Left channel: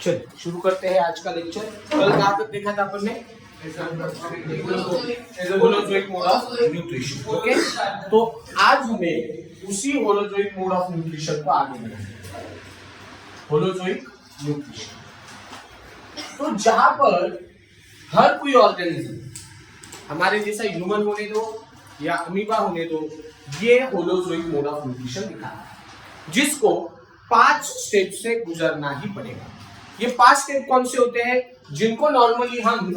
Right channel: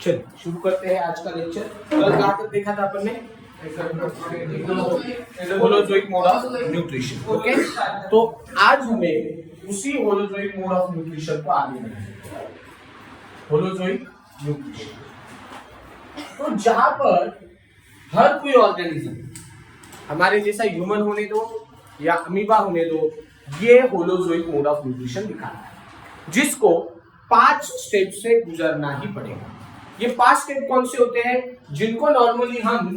चलिए शुरू करते हैं आज का लेक्चर। कल कहाँ तक देखा था अपन ने? Holozoic mode of nutrition. Okay, तो आज हमें उसी होलोजोइक मोड ऑफ न्यूट्रिशन को आगे बढ़ाना है। होलोजोइक न्यूट्रिशन, तो जहां पर हर कोई ऑर्गेनिज्म हमारे जैसा ह्यूमन होने दो या अमीबा होने दो, ये होलोजोइक मोड ऑफ न्यूट्रिशन दिखाता है, जिसको 5 स्टेप से गुजरना ही पड़ेगा। ये 5 स्टेप कौन से होते हैं? जिनको नॉर्मली हम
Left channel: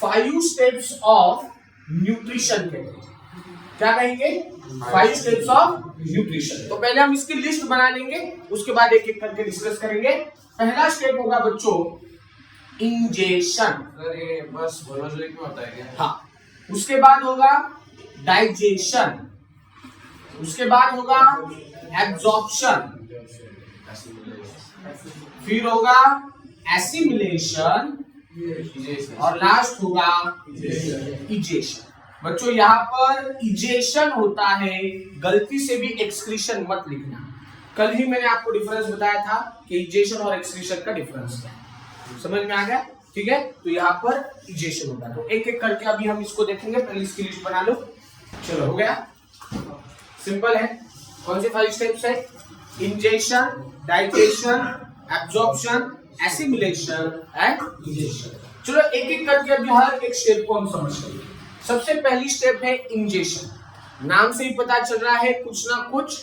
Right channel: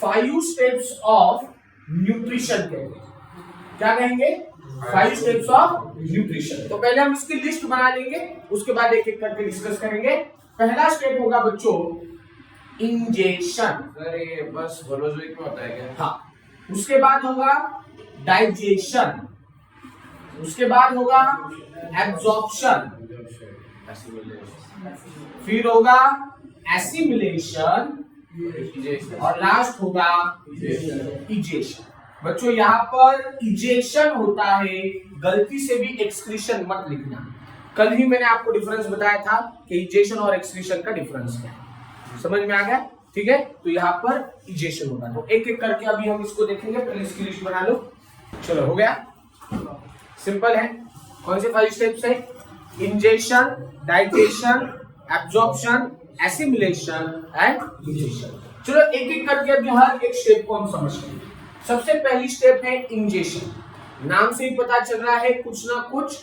5 स्टेप्स ऑफ न्यूट्रिशन कहते हैं। क्या कहेंगे? 5 स्टेप्स ऑफ न्यूट्रिशन। तो पहले हम इसकी लिस्ट बना लेंगे, उसके बाद एक एक करके डिस्कस करेंगे। पहला स्टेप होगा बच्चों इंजेशन। अरे बस होलोजोइक में होता है क्या? हाँ, उसके बाद होगा डाइजेशन, उसके बाद होगा एब्जॉर्प्शन, फिर होगा एसिमिलेशन और लास्ट होगा इजेशन। बच्चों यहाँ पर इजेशन होता है, गलती से भी एक्सक्रीशन मत लिखना। कल ही मैंने आपको डिफरेंस बताया था कि इजेशन और एक्सक्रीशन का डिफरेंस क्या है, समझ में आ गया? ठीक है, तो यहाँ पर इजेशन होगा। तो एक एक करके अभी हम इसको देखेंगे। पहले इसकी लिस्ट बना लो। चलो, हो गया, सिंपल है। कौन से 5 स्टेप्स है? Ingestion, digestion, absorption, assimilation and egestion. चलो एक एक करके अभी हर एक स्टेप को हम समझते हैं। सबसे पहली स्टेप है इंजेशन। नाम से ही पता चल रहा है कुछ ना कुछ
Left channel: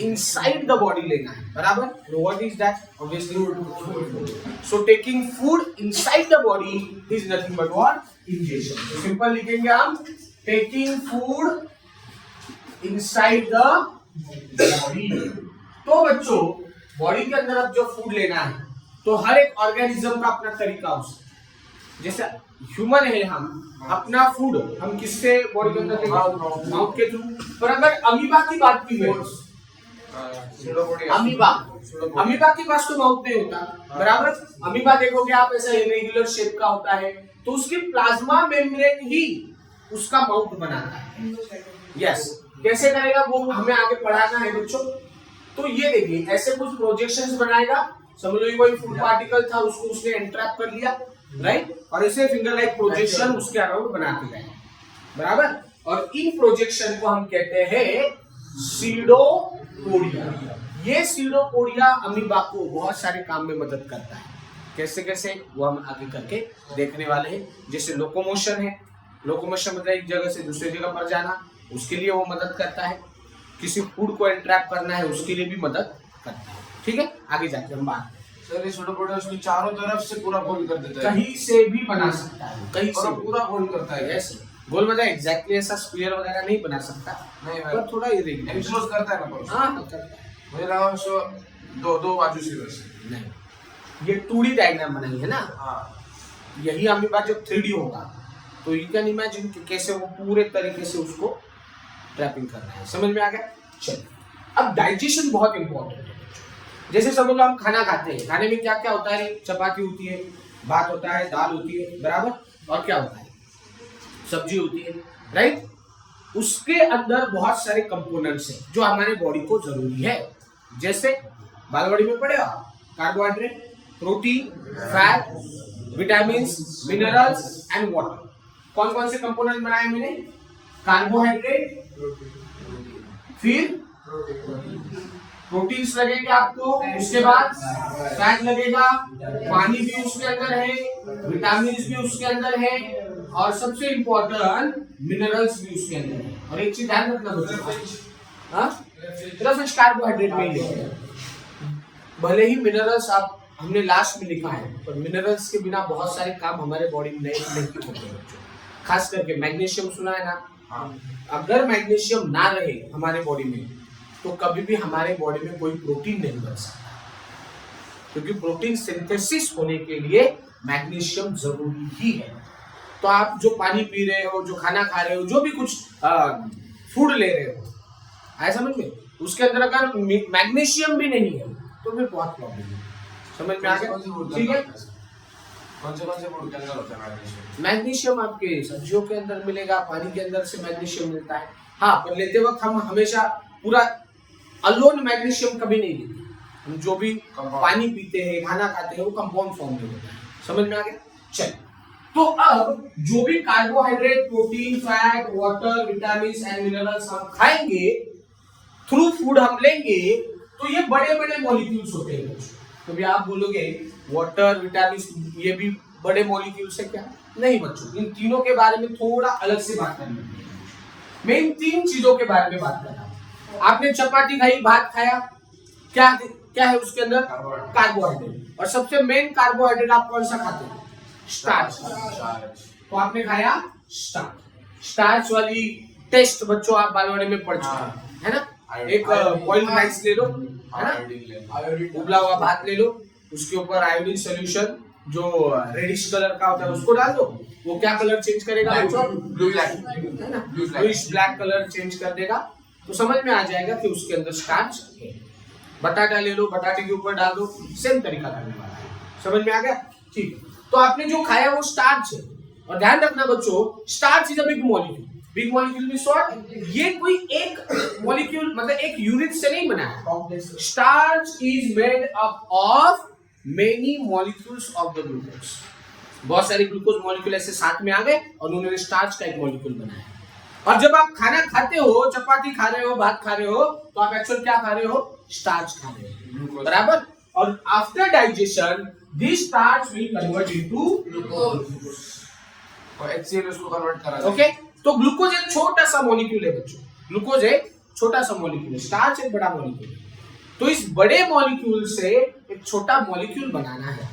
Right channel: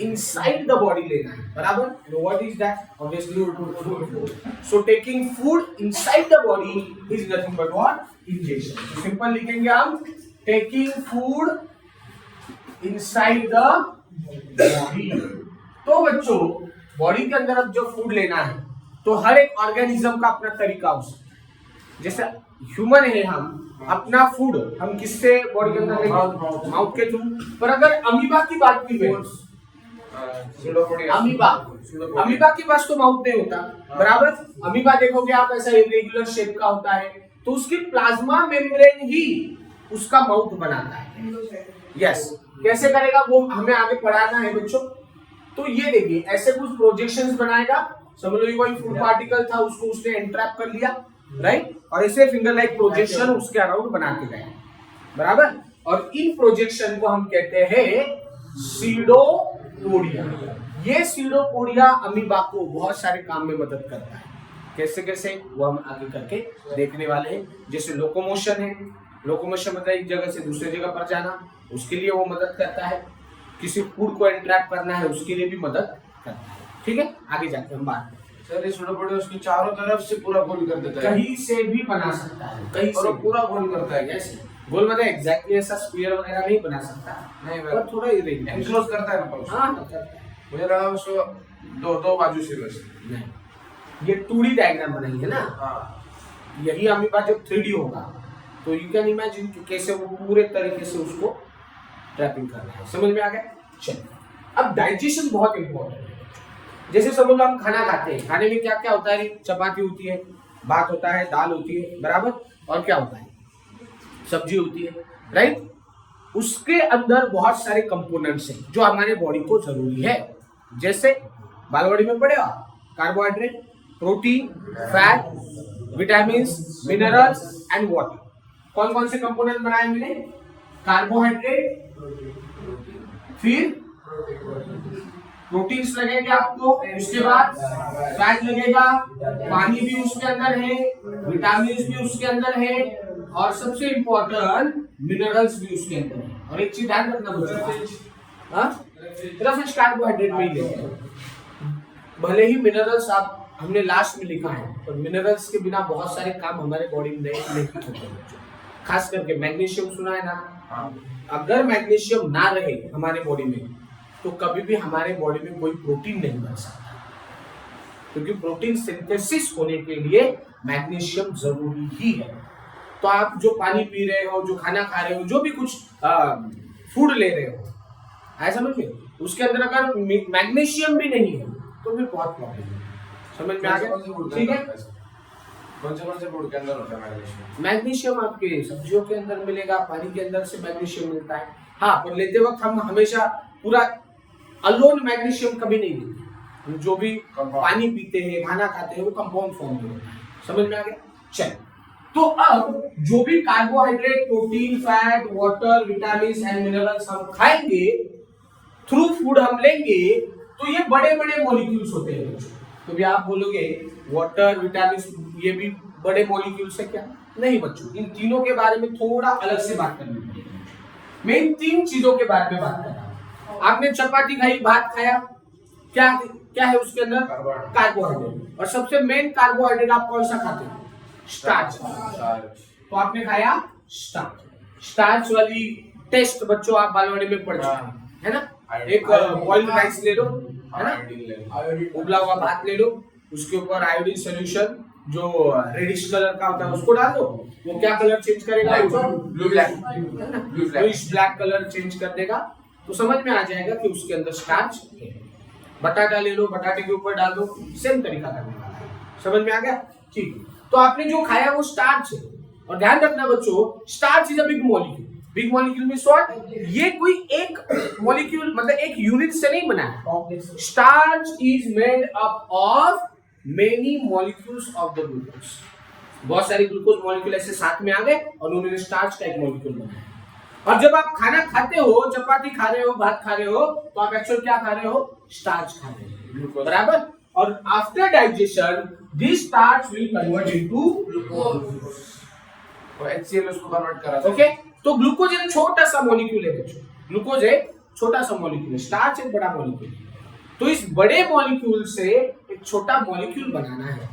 इनसाइड द बॉडी लेना है, बराबर? What is that? Obviously food. So taking food inside the body is nothing but what? Ingestion. तो सिंपल लिखेंगे हम, taking food inside the body. तो बच्चों बॉडी के अंदर अब जो फूड लेना है, तो हर एक ऑर्गेनिज्म का अपना तरीका हो सकता है। जैसे ह्यूमन है, हम अपना फूड हम किससे बॉडी के अंदर लेंगे? माउथ के थ्रू। पर अगर अमीबा की बात की जाए, अमीबा के पास तो माउथ नहीं होता, बराबर? अमीबा देखोगे आप ऐसा इरेगुलर शेप का होता है, तो उसकी प्लाज्मा मेम्ब्रेन ही उसका माउथ बनाता है। यस, कैसे करेगा वो हमें आगे पढ़ाना है बच्चों। तो ये देखिए, ऐसे कुछ प्रोजेक्शंस बनाएगा। समझ लो कोई फूड पार्टिकल था, उसको उसने एंट्रैप कर लिया, राइट? और ऐसे फिंगर लाइक प्रोजेक्शन उसके अराउंड बना के गए, बराबर? और इन प्रोजेक्शन को हम कहते हैं सीडोपोडिया। ये सीडोपोडिया अमीबा को बहुत सारे काम में मदद करता है। कैसे कैसे वो हम आगे करके देखने वाले हैं। जैसे लोकोमोशन है, लोकोमोशन मतलब एक जगह से दूसरी जगह पर जाना, उसके लिए वो मदद करता है। किसी फूड को एंट्रैप करना है, उसके लिए भी मदद करता है। ठीक है, आगे जाके हम बात करें। सर, ये सीडोपोडिया उसकी चारों तरफ से पूरा गोल कर देता है। कहीं से भी बना सकता है, कहीं से पूरा गोल करता है। ऐसे गोल मतलब एग्जैक्टली ऐसा स्क्वायर वगैरह नहीं बना सकता, नहीं, पर थोड़ा इरेगुलर एनक्लोज करता है ना। हाँ, करता है। मुझे लगा उसको दो बाजू से वैसे नहीं, ये 2D डायग्राम बनाई है ना। हाँ, यही अमीबा जब 3D होगा, तो यू कैन इमेजिन कि कैसे वो पूरे तरीके से उसको ट्रैपिंग करना है। समझ में आ गया? चलिए, अब डाइजेशन बहुत इंपॉर्टेंट है। जैसे समझ लो हम खाना खाते हैं, खाने में क्या क्या होता है? चपाती होती है, भात होता है, दाल होती है, बराबर? और क्या होता है? सब्जी होती है, राइट? उसके अंदर बहुत सारे कंपोनेंट्स हैं जो हमारे बॉडी को जरूरी है। जैसे बालवाड़ी में पढ़ेगा, carbohydrate, protein, fat, vitamin, minerals and water. कौन कौन से कंपोनेंट बनाए मैंने? कार्बोहाइड्रेट, फिर प्रोटीन्स लगेंगे आपको, उसके बाद फैट लगेगा, पानी भी उसके अंदर है, विटामिन भी उसके अंदर है, और सबसे इंपॉर्टेंट मिनरल्स भी उसके अंदर है। और एक चीज ध्यान रखना बच्चों, हाँ, सिर्फ कार्बोहाइड्रेट में ही लेते हैं। भले ही मिनरल्स आप हमने लास्ट में लिखा है, पर मिनरल्स के बिना बहुत सारे काम हमारे बॉडी में नहीं होते बच्चों। खास करके मैग्नीशियम सुना है ना? अगर मैग्नीशियम ना रहे हमारे बॉडी में, तो कभी भी हमारे बॉडी में कोई प्रोटीन नहीं बन सकता, क्योंकि प्रोटीन सिंथेसिस होने के लिए मैग्नीशियम जरूरी ही है। तो आप जो पानी पी रहे हो, जो खाना खा रहे हो, जो भी कुछ फूड ले रहे हो, आया समझ में? उसके अंदर अगर मैग्नीशियम भी नहीं है तो भी बहुत प्रॉब्लम है। समझ में आ गया? ठीक है, कौन से फूड के अंदर होता है मैग्नीशियम? मैग्नीशियम आपके सब्जियों के अंदर मिलेगा, पानी के अंदर से मैग्नीशियम मिलता है। हाँ, पर लेते वक्त हम हमेशा पूरा अलोन मैग्नीशियम कभी नहीं लेते, हम जो भी Compound. पानी पीते हैं, खाना खाते हैं, वो कंपाउंड फॉर्म में होता है। समझ में आ गया? चल, तो अब जो भी carbohydrate, protein, fat, water, vitamin and minerals हम खाएंगे, थ्रू फूड हम लेंगे, तो ये बड़े बड़े मॉलिक्यूल्स होते हैं। तो भी आप बोलोगे वाटर, विटामिन ये भी बड़े मॉलिक्यूल्स है क्या? नहीं बच्चों, इन तीनों के बारे में थोड़ा अलग से बात करनी पड़ेगी। मैं इन तीन चीजों के बारे में बात कर रहा हूं। आपने चपाती खाई, भात खाया, क्या क्या है उसके अंदर? कार्बोहाइड्रेट। और सबसे मेन कार्बोहाइड्रेट आप कौन सा खाते हैं? स्टार्च। तो आपने खाया स्टार्च। स्टार्च वाली टेस्ट बच्चों आप बालवाड़ी में पढ़ चुके हैं, है ना? एक बॉइल्ड राइस ले लो, है ना? उबला हुआ भात ले लो, उसके ऊपर आयोडीन सोल्यूशन जो रेडिश कलर का होता है उसको डाल दो। वो क्या कलर चेंज करेगा बच्चों? ब्लू ब्लैक, है ना? ब्लूइश ब्लैक कलर चेंज कर देगा। तो समझ में आ जाएगा कि उसके अंदर स्टार्च है। बटाटा ले लो, बटाटे के ऊपर डाल दो, सेम तरीका करने वाला है। समझ में आ गया? ठीक। तो आपने जो खाया वो स्टार्च है। और ध्यान रखना बच्चों, starch is a big molecule. Big molecule means what? ये कोई एक मॉलिक्यूल मतलब एक यूनिट से नहीं बना है। Starch is made up of many molecules of the glucose. बहुत सारे ग्लूकोज मॉलिक्यूल ऐसे साथ में आ गए और उन्होंने स्टार्च का एक मॉलिक्यूल बनाया। और जब आप खाना खाते हो, चपाती खा रहे हो, भात खा रहे हो, तो आप एक्चुअल क्या खा रहे हो? स्टार्च खा रहे हो, बराबर? और after digestion this starch will convert into glucose. तो HCl उसको कन्वर्ट करा देगा। ओके, तो ग्लूकोज एक छोटा सा मॉलिक्यूल है बच्चों। ग्लूकोज एक छोटा सा मॉलिक्यूल है, स्टार्च एक बड़ा मॉलिक्यूल है। तो इस बड़े मॉलिक्यूल से एक छोटा मॉलिक्यूल बनाना है।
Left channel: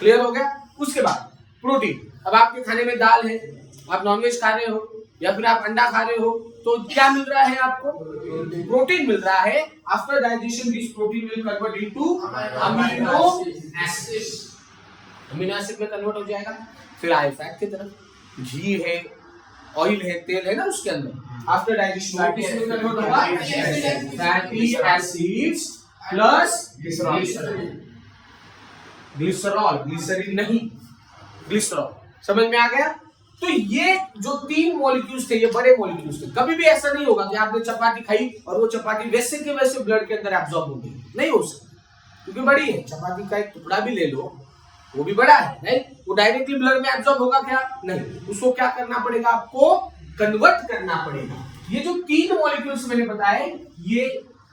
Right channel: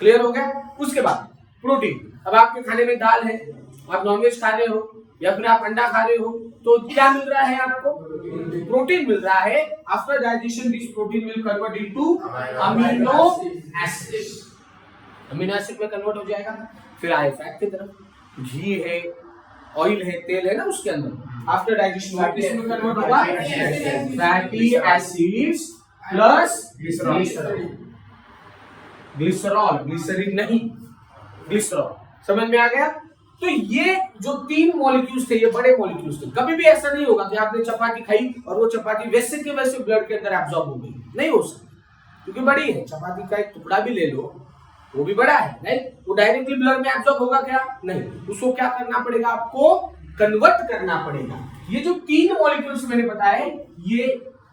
क्लियर हो गया? उसके बाद प्रोटीन। अब आपके खाने में दाल है, आप नॉनवेज खा रहे हो या फिर आप अंडा खा रहे हो, तो क्या मिल रहा है आपको? प्रोटीन मिल रहा है। After digestion this protein will convert into amino acid. Amino acid में कन्वर्ट हो जाएगा। फिर आए फैट की तरफ। घी है, ऑयल है, तेल है ना उसके अंदर। आफ्टर डाइजेशन किसमें कन्वर्ट होगा? Fatty acids plus glycerol. Glycerol, glycerine नहीं, ग्लिसरॉल। समझ में आ गया? तो ये जो तीन मॉलिक्यूल्स थे, ये बड़े मॉलिक्यूल्स थे। कभी भी ऐसा नहीं होगा कि आपने चपाती खाई और वो चपाती वैसे के वैसे ब्लड के अंदर एब्जॉर्ब हो गई। नहीं हो सकता, क्योंकि बड़ी है। चपाती का एक टुकड़ा भी ले लो, वो भी बड़ा है, नहीं? वो डायरेक्टली ब्लड में एब्जॉर्ब होगा क्या? नहीं। उसको क्या करना पड़ेगा? आपको कन्वर्ट करना पड़ेगा। ये जो तीन मॉलिक्यूल्स मैंने बताए, ये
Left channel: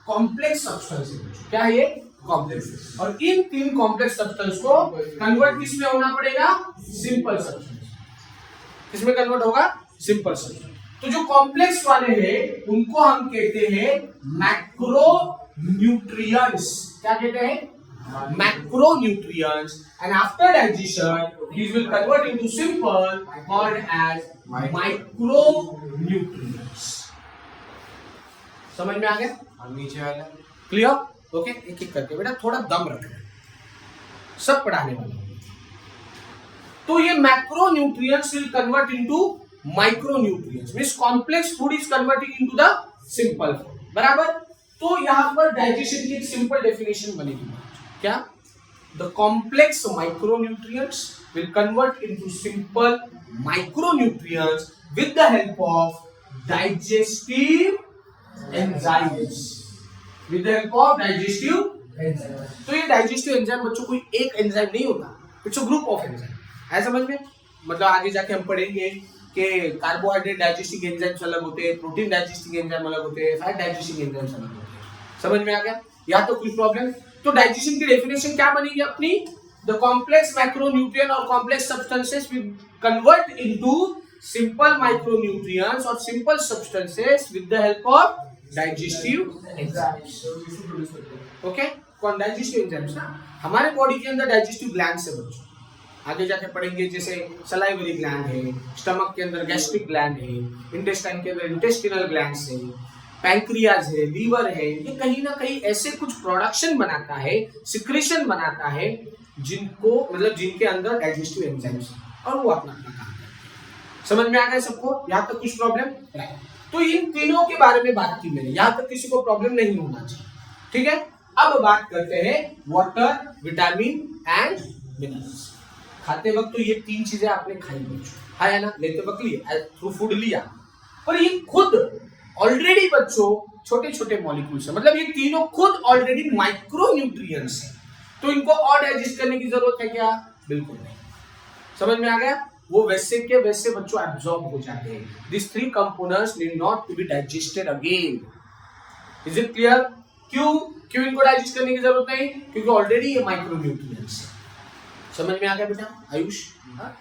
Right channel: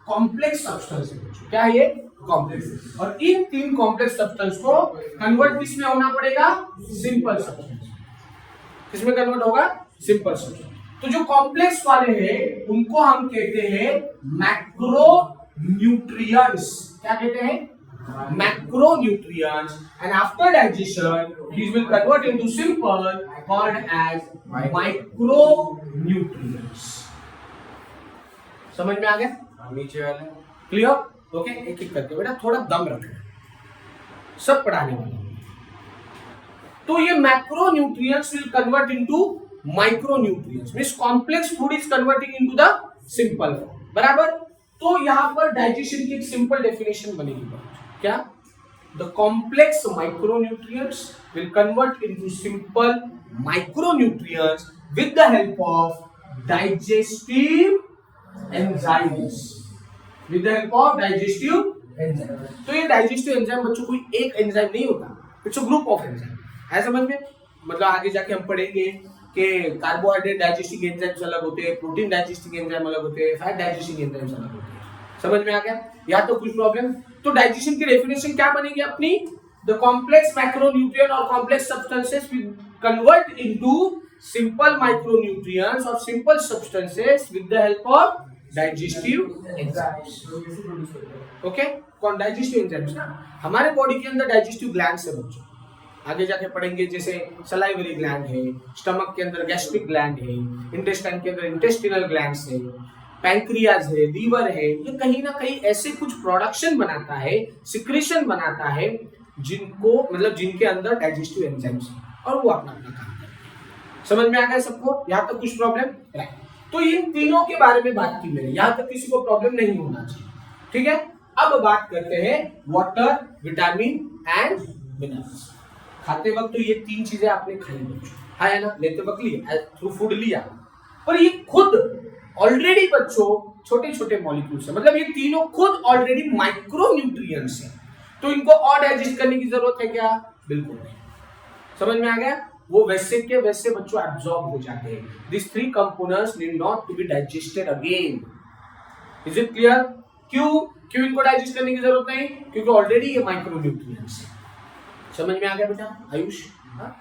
कॉम्प्लेक्स सब्सटेंस है। क्या है ये? कॉम्प्लेक्स। और इन तीन कॉम्प्लेक्स सब्सटेंस को कन्वर्ट किस में होना पड़ेगा? Simple substance. किसमें कन्वर्ट होगा? Simple substance. तो जो कॉम्प्लेक्स वाले हैं उनको हम कहते हैं मैक्रो न्यूट्रिएंट्स। क्या कहते हैं? macronutrients, and after digestion these will convert into simple called as micronutrients. समझ में आ गया? नीचे वाले क्लियर? ओके, एक एक करके बेटा थोड़ा दम रखना, सब पढ़ाने वाला। तो ये macronutrients will convert into micronutrients, means complex food is converting into the simple food, बराबर? तो यहां पर डाइजेशन की एक सिंपल डेफिनेशन बनेगी। क्या? The complex micronutrients will convert into simple micronutrients with the help of digestive enzymes. With the help of digestive enzymes. तो ये digestive enzyme बच्चों कोई एक एंजाइम नहीं होता, it's a group of enzyme. है समझ में? मतलब आगे जाके हम पढ़ेंगे कि कार्बोहाइड्रेट डाइजेस्टिंग एंजाइम्स अलग होते हैं, प्रोटीन डाइजेस्टिंग एंजाइम अलग होते हैं, फैट डाइजेस्टिंग एंजाइम्स अलग होते हैं। समझ में आ गया? या तो कुछ प्रॉब्लम? तो डाइजेशन की डेफिनेशन क्या बनेगी अपनी? द कॉम्प्लेक्स मैक्रोन्यूट्रिएंट और complex substances will convert into simple micronutrients और simple substances with the help of digestive enzymes. Okay, कौन? डाइजेस्टिव एंजाइम्स ना। हमारे बॉडी के अंदर डाइजेस्टिव ग्लैंड्स है बच्चों, आगे जाके पढ़ेंगे। जैसे सलाइवरी ग्लैंड है, स्टमक के अंदर गैस्ट्रिक ग्लैंड है, इंटेस्टाइन के अंदर इंटेस्टिनल ग्लैंड्स है, पैंक्रियाज है, लीवर है। ये कहीं ना कहीं ऐसे कुछ प्रोडक्शन बनाता है, सिक्रेशन बनाता है, जिनको मतलब जिनके अंदर डाइजेस्टिव एंजाइम्स है और वो अपना अपना काम करते हैं। समझ में आ गया सबको? यहाँ तक कुछ प्रॉब्लम? राइट। तो इन तीनों के बारे में बात की मैंने, यहाँ तक किसी को प्रॉब्लम नहीं होना चाहिए। ठीक है, अब बात करते हैं वाटर, विटामिन एंड मिनरल्स। खाते वक्त तो ये तीन चीजें आपने खाई बच्चों, है ना? लेते वक्त लिया, थ्रू फूड लिया, पर ये खुद ऑलरेडी बच्चों छोटे छोटे मॉलिक्यूल्स है, मतलब ये तीनों खुद ऑलरेडी माइक्रो न्यूट्रिएंट्स हैं, तो इनको और डाइजेस्ट करने की जरूरत है क्या? बिल्कुल नहीं। समझ में आ गया? वो वैसे के वैसे बच्चों एब्जॉर्ब हो जाते हैं। This three components need not to be digested again. Is it clear? क्यों इनको डाइजेस्ट करने की जरूरत नहीं? क्योंकि ऑलरेडी ये माइक्रो न्यूट्रिएंट्स है। समझ में आ गया बेटा आयुष?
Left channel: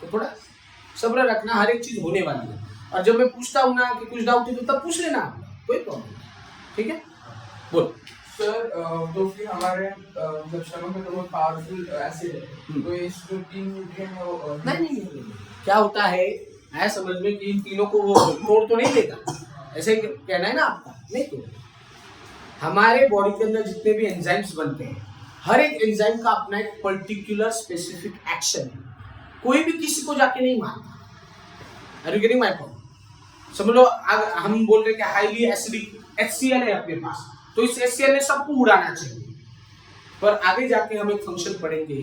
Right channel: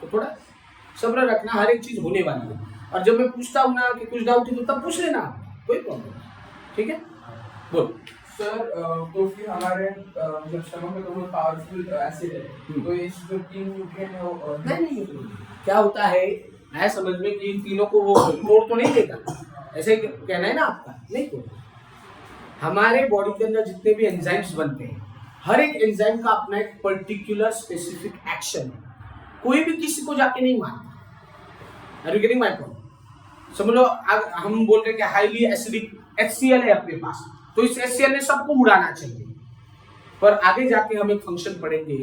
तो थोड़ा सब्र रखना, हर एक चीज होने वाली है, और जब मैं पूछता हूं ना कि कुछ डाउट है तो तब पूछ लेना, कोई प्रॉब्लम नहीं। ठीक है, बोल सर। तो फिर हमारे मतलब स्टमक में तो बहुत पावरफुल एसिड है, तो इस जो तीन न्यूट्रिएंट है वो नहीं, क्या होता है मैं समझ में कि इन तीनों को वो तोड़ तो नहीं देगा, ऐसे ही कहना है ना आपका? नहीं तोड़। हमारे बॉडी के अंदर जितने भी एंजाइम्स बनते हैं, हर एक एंजाइम का अपना एक पर्टिकुलर स्पेसिफिक एक्शन है, कोई भी किसी को जाके नहीं मारता। Are you getting my point? समझ लो हम बोल रहे हैं कि हाईली एसिडिक HCl है अपने पास, तो इस HCl ने सबको उड़ाना चाहिए, पर आगे जाके हम एक फंक्शन पढ़ेंगे।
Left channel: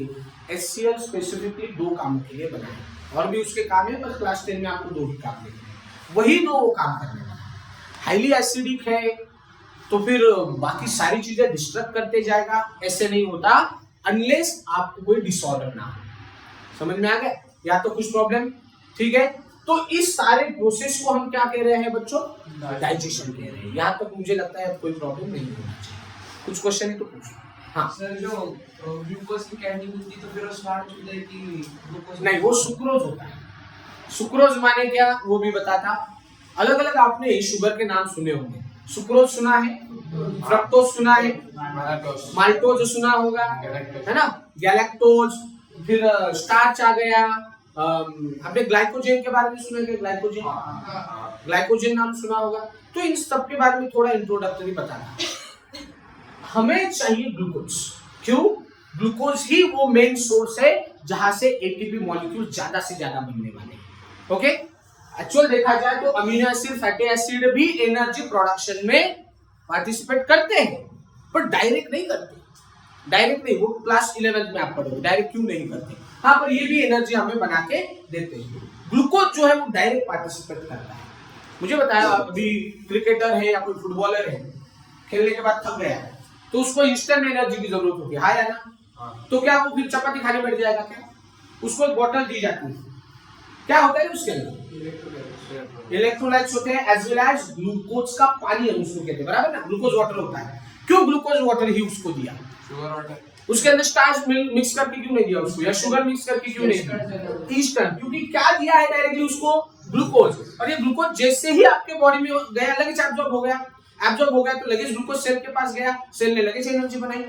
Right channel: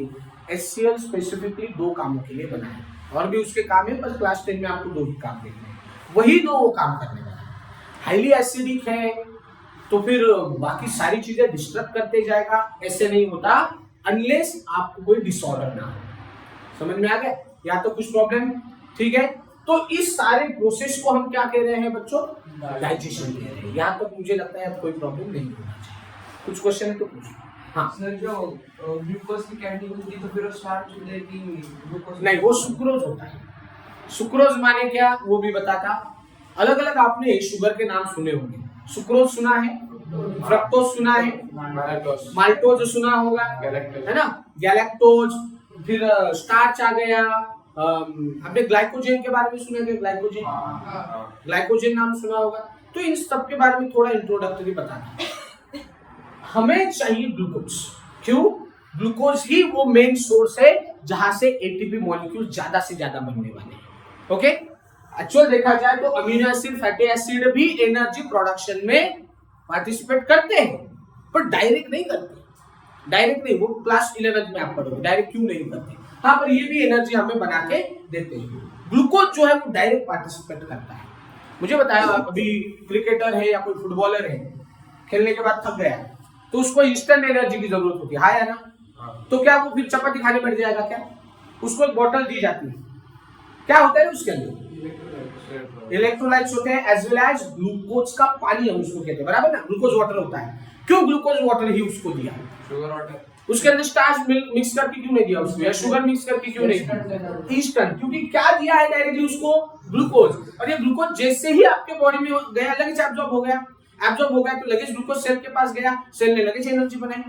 HCl स्पेसिफिकली दो कामों के लिए बना है, और भी उसके काम है, पर क्लास 10 में आपको दो ही काम देखने हैं, वही दो वो काम करने वाला है। हाईली एसिडिक है तो फिर बाकी सारी चीजें डिस्टर्ब करते जाएगा, ऐसे नहीं होता अनलेस आपको कोई डिसऑर्डर ना हो। समझ में आ गया? या तो कुछ प्रॉब्लम, ठीक है? तो इस सारे प्रोसेस को हम क्या कह रहे हैं बच्चों? डाइजेशन कह रहे हैं। यहाँ तक मुझे लगता है कोई प्रॉब्लम नहीं होना चाहिए। कुछ क्वेश्चन है तो पूछो। हाँ सर, जो ग्लूकोज की कैंडी मिलती तो फिर वो स्टार्च हो जाएगी ग्लूकोज? नहीं, वो सुक्रोज होता है। सुक्रोज माने क्या वो भी बताता। अलग अलग आपने शुगर के नाम सुने होंगे। सुक्रोज सुना है, फ्रक्टोज सुना है, माल्टोज सुना होगा, है ना, गैलेक्टोज, फिर स्टार्च आ गया। आपने ग्लाइकोजेन के बारे में सुना है? ग्लाइकोजेन नाम सुना होगा। तो इन सब के बारे में थोड़ा इंट्रोडक्टरी बताना। हमें चाहिए ग्लूकोज। क्यों? ग्लूकोज ही वो मेन सोर्स है जहां से एटीपी मॉलिक्यूल ज्यादा से ज्यादा बनने वाले हैं। ओके, एक्चुअल देखा जाए तो अमीनो एसिड, फैटी एसिड भी एनर्जी प्रोडक्शन में पार्टिसिपेट करते हैं, पर डायरेक्ट नहीं करते। डायरेक्ट नहीं, वो क्लास 11th में आप पढ़ोगे डायरेक्ट क्यों नहीं करते। हाँ, पर ये भी एनर्जी हमें बना के देते हैं। ग्लूकोज जो है वो डायरेक्ट पार्टिसिपेट करता है। मुझे बताया, अभी क्रिकेटर है या कोई फुटबॉलर है, खेलने के बाद थक गया है, तो उसको इंस्टेंट एनर्जी की जरूरत होती है, हाँ या ना? तो क्या वो फिर चपाती खाने बैठ जाएगा क्या? उसको एक बोतल दी जाती है, क्या होता है उसके अंदर? इलेक्ट्रोलाइट्स होते हैं, एज वेल एज ग्लूकोज का पानी हम उसको कहते हैं, बराबर ना? ग्लूकोज वाटर होता है। क्यों ग्लूकोज वाटर ही उसको दिया? Sugar water. उसके अंदर स्टार्च मिक्स करके क्यों नहीं दिया उसको, या शुगर मिक्स करके क्यों नहीं दिया? इंस्टेंट, क्योंकि क्या दिया है डायरेक्टली उसको? ग्लूकोज। और ये ग्लूकोज जैसे ही आपके बॉडी में गया, लगेज एब्जॉर्ब हो गया। एब्जॉर्ब हो गया तो लगेज ग्लूकोज सेल के पास गया, सेल ने लगेज एनर्जी बनाई।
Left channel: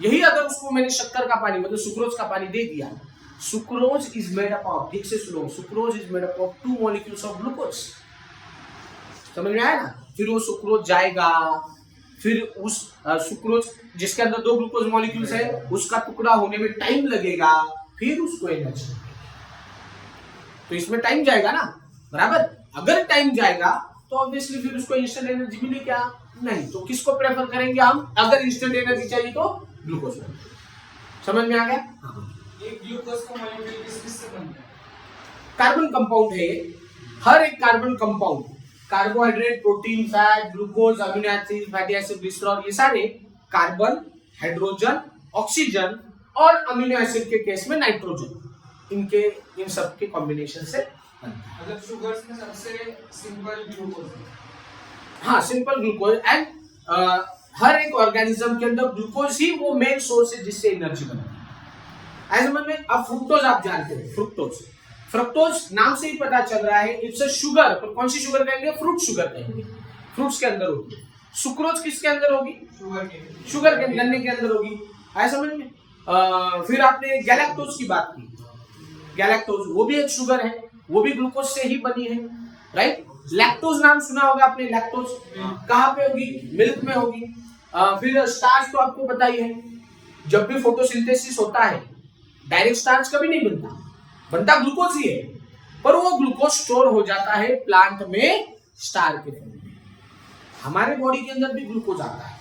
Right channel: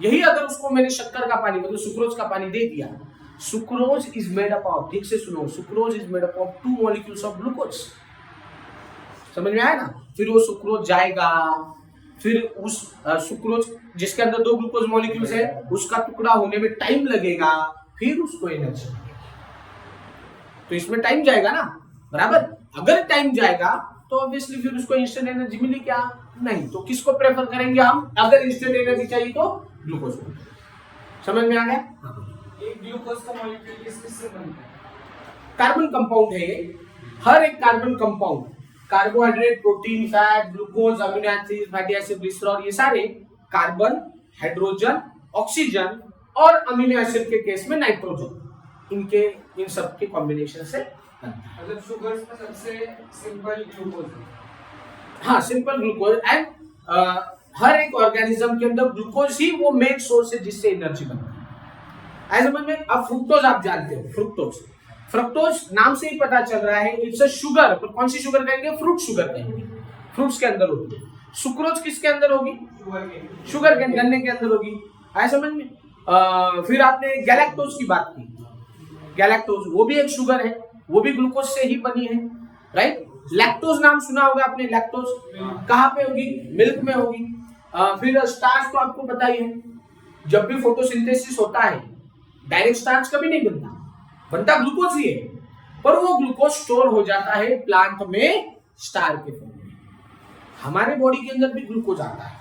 यही अगर उसको मैंने शक्कर का पानी, मतलब सुक्रोज का पानी दे दिया, sucrose is made up of, ठीक से सुनो, sucrose is made up of 2 molecules of glucose. समझ में आया ना? फिर वो सुक्रोज जाएगा, फिर उस सुक्रोज जिसके अंदर 2 ग्लूकोज मॉलिक्यूल्स है, उसका टुकड़ा होने में टाइम लगेगा, फिर उसको एनर्जी मिलेगी। तो इसमें टाइम जाएगा ना, बराबर? अगर टाइम जाएगा तो ऑब्वियसली फिर उसको इंस्टेंट एनर्जी मिली क्या? नहीं। तो किसको प्रेफर करेंगे हम? अगर इंस्टेंट एनर्जी चाहिए तो ग्लूकोज को। समझ में आ गया? एक ग्लूकोज का मॉलिक्यूल किस से बनता है? कार्बन कंपाउंड है ये। हर एक carbon compound, carbohydrate, protein, fat, glucose, amino acid, fatty acid, glycerol, ये सारे कार्बन, हाइड्रोजन, ऑक्सीजन और अमीनो एसिड के केस में नाइट्रोजन, इन सब के कॉम्बिनेशन से बनता है। मतलब शुगर्स में सबसे सिंपल ग्लूकोज है। हाँ, सिंपल ग्लूकोज। एंड हर एक ऑर्गेनिज्म के अंदर ग्लूकोज ही वो मेन सोर्स है जिससे एनर्जी बनती है। समझ में? अब फ्रुक्टोज आप जानते हो, फ्रुक्टोज, फ्रुक्टोज नाम से ही पता चल रहा है इट्स अ शुगर। पर कौन सी शुगर कहेंगे? फ्रूट शुगर कहेंगे। फ्रूट्स के अंदर होती है। सुक्रोज किसके अंदर होगी? शुगर के, गन्ने के अंदर होगी। आया समझ में? फिर आपने गैलेक्टोज की बात की। गैलेक्टोज वो भी एक शुगर है, वो भी ग्लूकोज से ही बनी है, राइट? लैक्टोज नाम सुना होगा आपने। लैक्टोज कहाँ पे होगी? मिल्क में होगी। फिर स्टार्च तो आपको पता ही है, जब भी फोटोसिंथेसिस होता है डायरेक्ट स्टार्च कभी नहीं बनता, बनता ग्लूकोज ही है, पर वो ग्लूकोज स्टोर हो जाता है प्लांट में स्टार के फॉर्म में। हमारे बॉडी के अंदर भी ग्लूकोज आता है।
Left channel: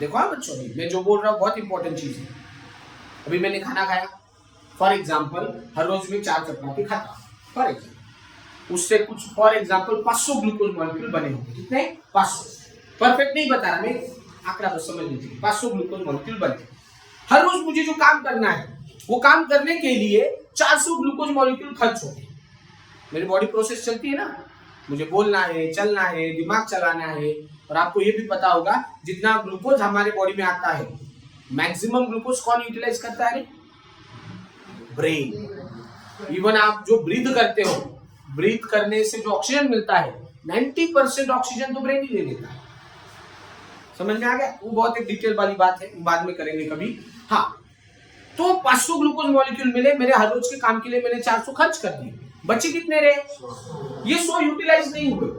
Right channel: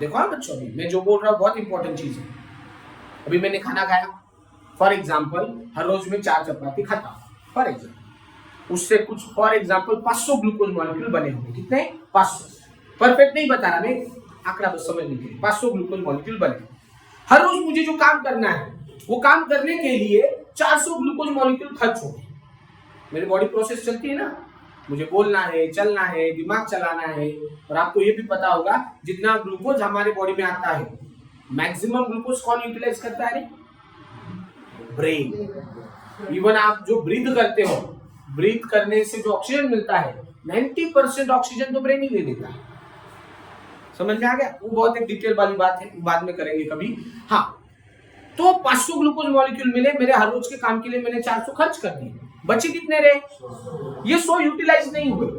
देखो हाँ बच्चों, मैं जो बोल रहा हूँ बहुत इंपॉर्टेंट चीज है। अभी मैंने खाना खाया, फॉर एग्जाम्पल हर रोज में 4 चपाती खाता हूँ, फॉर एग्जाम्पल, उससे कुछ फॉर एग्जाम्पल 500 ग्लूकोज मॉलिक्यूल बने होंगे। कितने? 500। परफेक्ट नहीं बता रहा मैं, आंकड़ा बस समझ लीजिए। 500 ग्लूकोज मॉलिक्यूल बने। हर रोज मुझे जो काम करना है वो काम करने के लिए 400 ग्लूकोज मॉलिक्यूल खर्च होंगे। मेरी बॉडी प्रोसेस चलती है ना, मुझे बोलना है, चलना है, दिमाग चलाना है। और आपको ये भी पता होगा जितना ग्लूकोज हमारे बॉडी में आता है, मैक्सिमम ग्लूकोज कौन यूटिलाइज करता है? ब्रेन। इवन आप जो ब्रीथ करते हो, ब्रीथ करने से जो ऑक्सीजन मिलता है 90% ऑक्सीजन तो ब्रेन ही ले लेता है। समझ में आ गया? वो बहुत एक डिटेल वाली बात है, बाद में करेंगे कभी। हाँ, तो 500 ग्लूकोज मॉलिक्यूल मिले मेरे हर रोज के काम के लिए, मैंने 400 खर्च कर दिए, बचे कितने रहे? ये 100 यूटिलाइज नहीं हुए,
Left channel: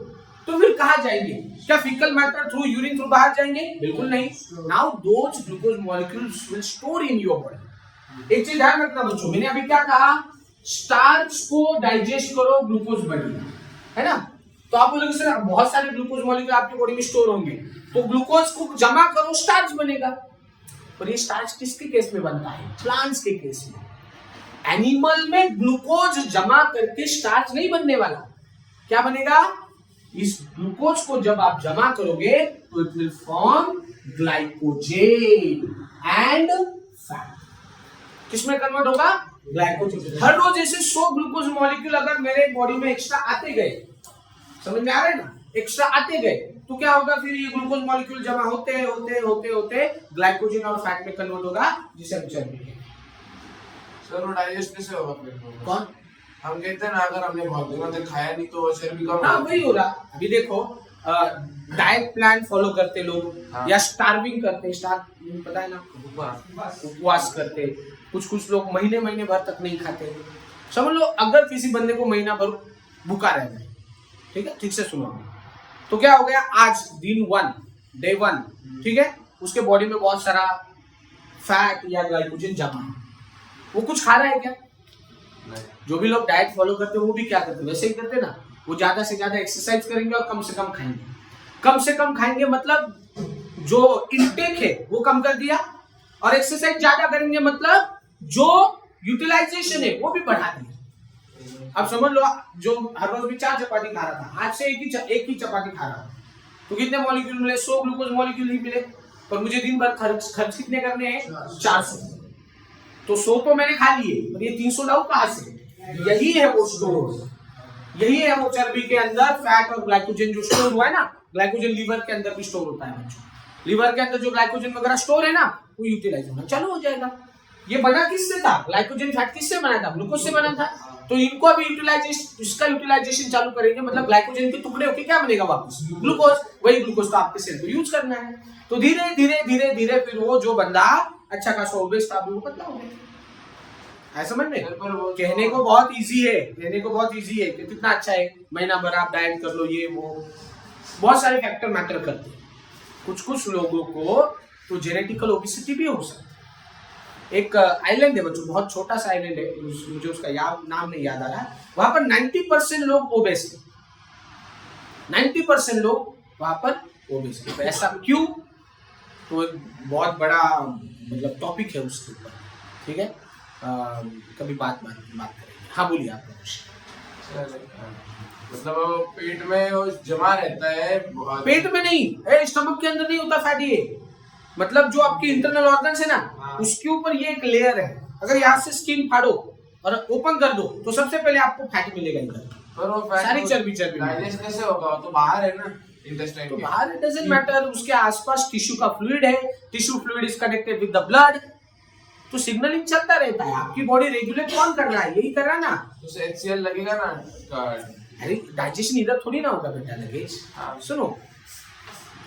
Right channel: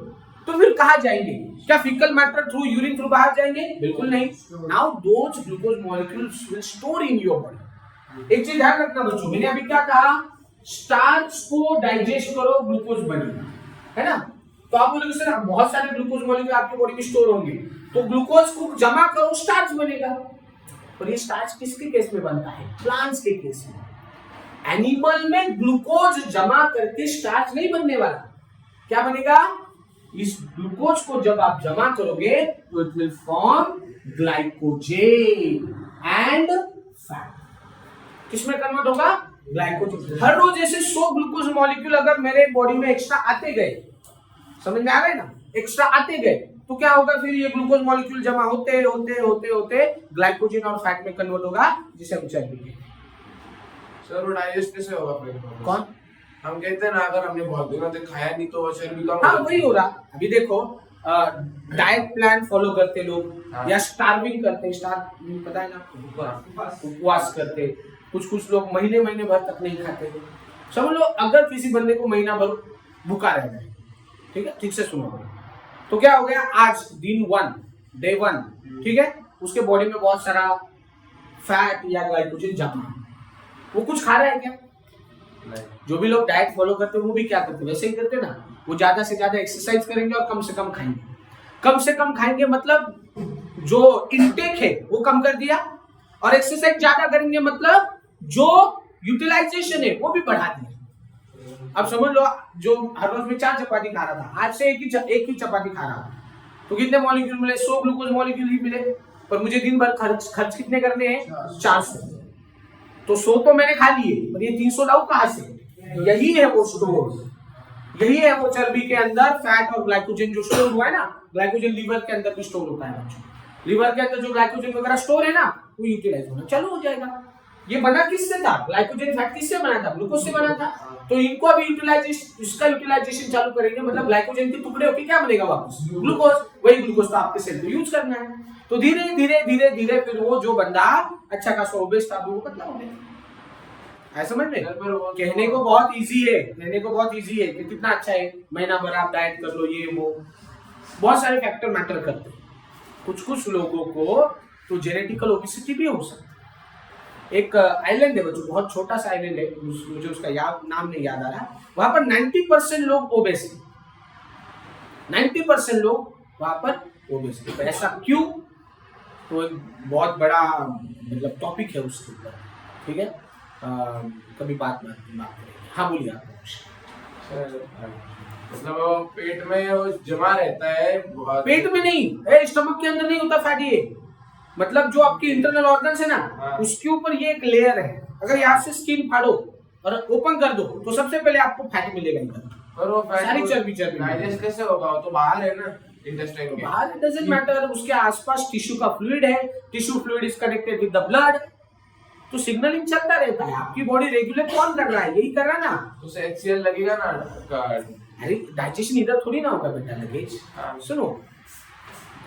तो फिर कहाँ जाएंगे? क्या faecal matter through urine through बाहर जाएंगे? बिल्कुल नहीं। Now those glucose molecules will store in your body. एक चीज ध्यान रखना बच्चों, मैंने अभी क्या कहा? स्टार्च को डाइजेस्ट करो, ग्लूकोज बनेगा, है ना? तो आप बोलोगे सर बहुत सारे ग्लूकोज मॉलिक्यूल आपकी बॉडी में स्टोर होंगे, तो ग्लूकोज को जमा करो, स्टार्च बनेगा। और ये स्टार्च किसके केस में बनता है? प्लांट्स के केस में। एनिमल में ग्लूकोज जमा करके स्टार्च नहीं बनने वाला। क्या बनेगा? इस ग्लूकोज को जब आप जमा करोगे तो it will form glycogen and fat. किसमें कन्वर्ट होगा? ग्लाइकोजेन। हर रोज ऐसे 100 ग्लूकोज मॉलिक्यूल अगर मेरे बॉडी में एक्स्ट्रा आते गए, समझ में आ रहा है ना? एक्स्ट्रा आते गए तो क्या होगा? फिर ये ग्लूकोज मॉलिक्यूल जमा होते होते होते होते ग्लाइकोजेन और फैट में कन्वर्ट होगा, जिसे हम चर्बी कहते हैं। सर वो डाइजेस्ट कैसे होगा फिर? कौन? हम कहते हैं ना, अगर हमने बहुत दिनों तक खाया नहीं तो चर्बी कम। हाँ, वही हो रहा। अभी देखो, डाइट प्लान फॉलो करते लोग, या स्टार्विंग करते, स्टार्व पता है ना, उपवास करते। कुछ लोग महीने महीने भर तक नहीं खाते। समझ लो अगर किसी बंदे को महीना भर भूखा रह जाए, ठीक है, ठीक से सुनो, तो क्या हो गया? आज दिन 1, डे 1, ठीक है, उसके बॉडी में बहुत सारा फैट या ग्लाइकोजन जमा है। वो कुछ खा रहा है क्या? जो भी लोग डाइट फॉलो करते हैं वो भी क्या करते हैं? वैसे ही करते हैं ना। वो ज्यादा से ज्यादा एक्सरसाइज करेंगे और कम से कम खाएंगे। कम से कम खाएंगे मतलब जो इनटेक है वो कम कर दिया, और एक्सरसाइज ज्यादा करेंगे मतलब जो यूटिलाइजेशन है वो भी बढ़ा दिया। अब समझ लो, जो हर रोज में 4 चपाती खा रहा था, आज से एक ही चपाती खा रहा हूं, तो कितने मॉलिक्यूल मिले? 100 ग्लूकोज मॉलिक्यूल ही मिले। पर मुझे दिन भर खर्च कितने करने हैं? 400। तो 100 तो मैंने खा लिए, पर ये 300 लाऊं कहां से? यही है वो स्टोर, यही है वो चर्बी के अंदर फैट और ग्लाइकोजन जो स्टोर हुआ है ना। ग्लाइकोजन लीवर के अंदर भी स्टोर होता है बच्चों। लीवर के अंदर जो ग्लाइकोजन वगैरह स्टोर है ना, वो यूटिलाइज होना चालू हो जाएगा। ये बना किससे था? ग्लाइकोजन फैट किससे बना था? ग्लूकोज से बना था। तो इनको अभी इसका यूटिलाइजेशन चालू करेंगे, मतलब ग्लाइकोजन के टुकड़े होके क्या बनेगा वापस? ग्लूकोज। वही ग्लूकोज तो आपके सेल पे यूज करना है। तो धीरे धीरे धीरे धीरे फिर वो जो बंदा अच्छा खासा ओबेस था वो पतला हो गया। समझ में? कहने को बहुत इजी है, कहने को बहुत इजी है कि कितना अच्छा है, महीना भर आप डाइट कर लो, ये वो, बहुत सारे फैक्टर मैटर करते हैं। कुछ लोगों को तो जेनेटिकल ओबेसिटी भी हो सकती है। एक आइलैंड है बच्चों, बहुत छोटा सा आइलैंड है, मुझे उसका नाम नहीं याद आ रहा। वहां पर 90% लोग ओबेस हैं। 90% लोग वहां पर ओबेस हैं। तो ऐसा क्यों? तो एक बहुत बड़ा मतलब टॉपिक है उसके ऊपर, ठीक है, कभी बात करेंगे। हाँ बोलिए आप। मतलब पेट में वो जमा रहता है? पेट में नहीं, स्टमक के अंदर नहीं होता फैट। ये मतलब जो आपकी इंटरनल ऑर्गन्स है ना, उसके ऊपर ये एक लेयर है। अगर यहाँ से स्किन फाड़ो और ओपन कर दो तो सबसे पहले आपको फैट मिलेगा इधर। पर वो फैट सारी चर्बी डाइजेस्ट कैसे होगा? वो तो बाहर है ना, इंटेस्टाइन के बाहर। इट डजंट मैटर, उसके आसपास टिश्यू का फ्लूइड है, tissue fluid is connected with the blood, तो सिग्नलिंग चलता रहता है। आपकी बॉडी रेगुलेट कौन कर रहा है? यही कर रहा है ना। तो उसे HCl लगेगा ना। अरे डाइजेशन इधर थोड़ी ना होगा बेटा, लगेज। सुनो,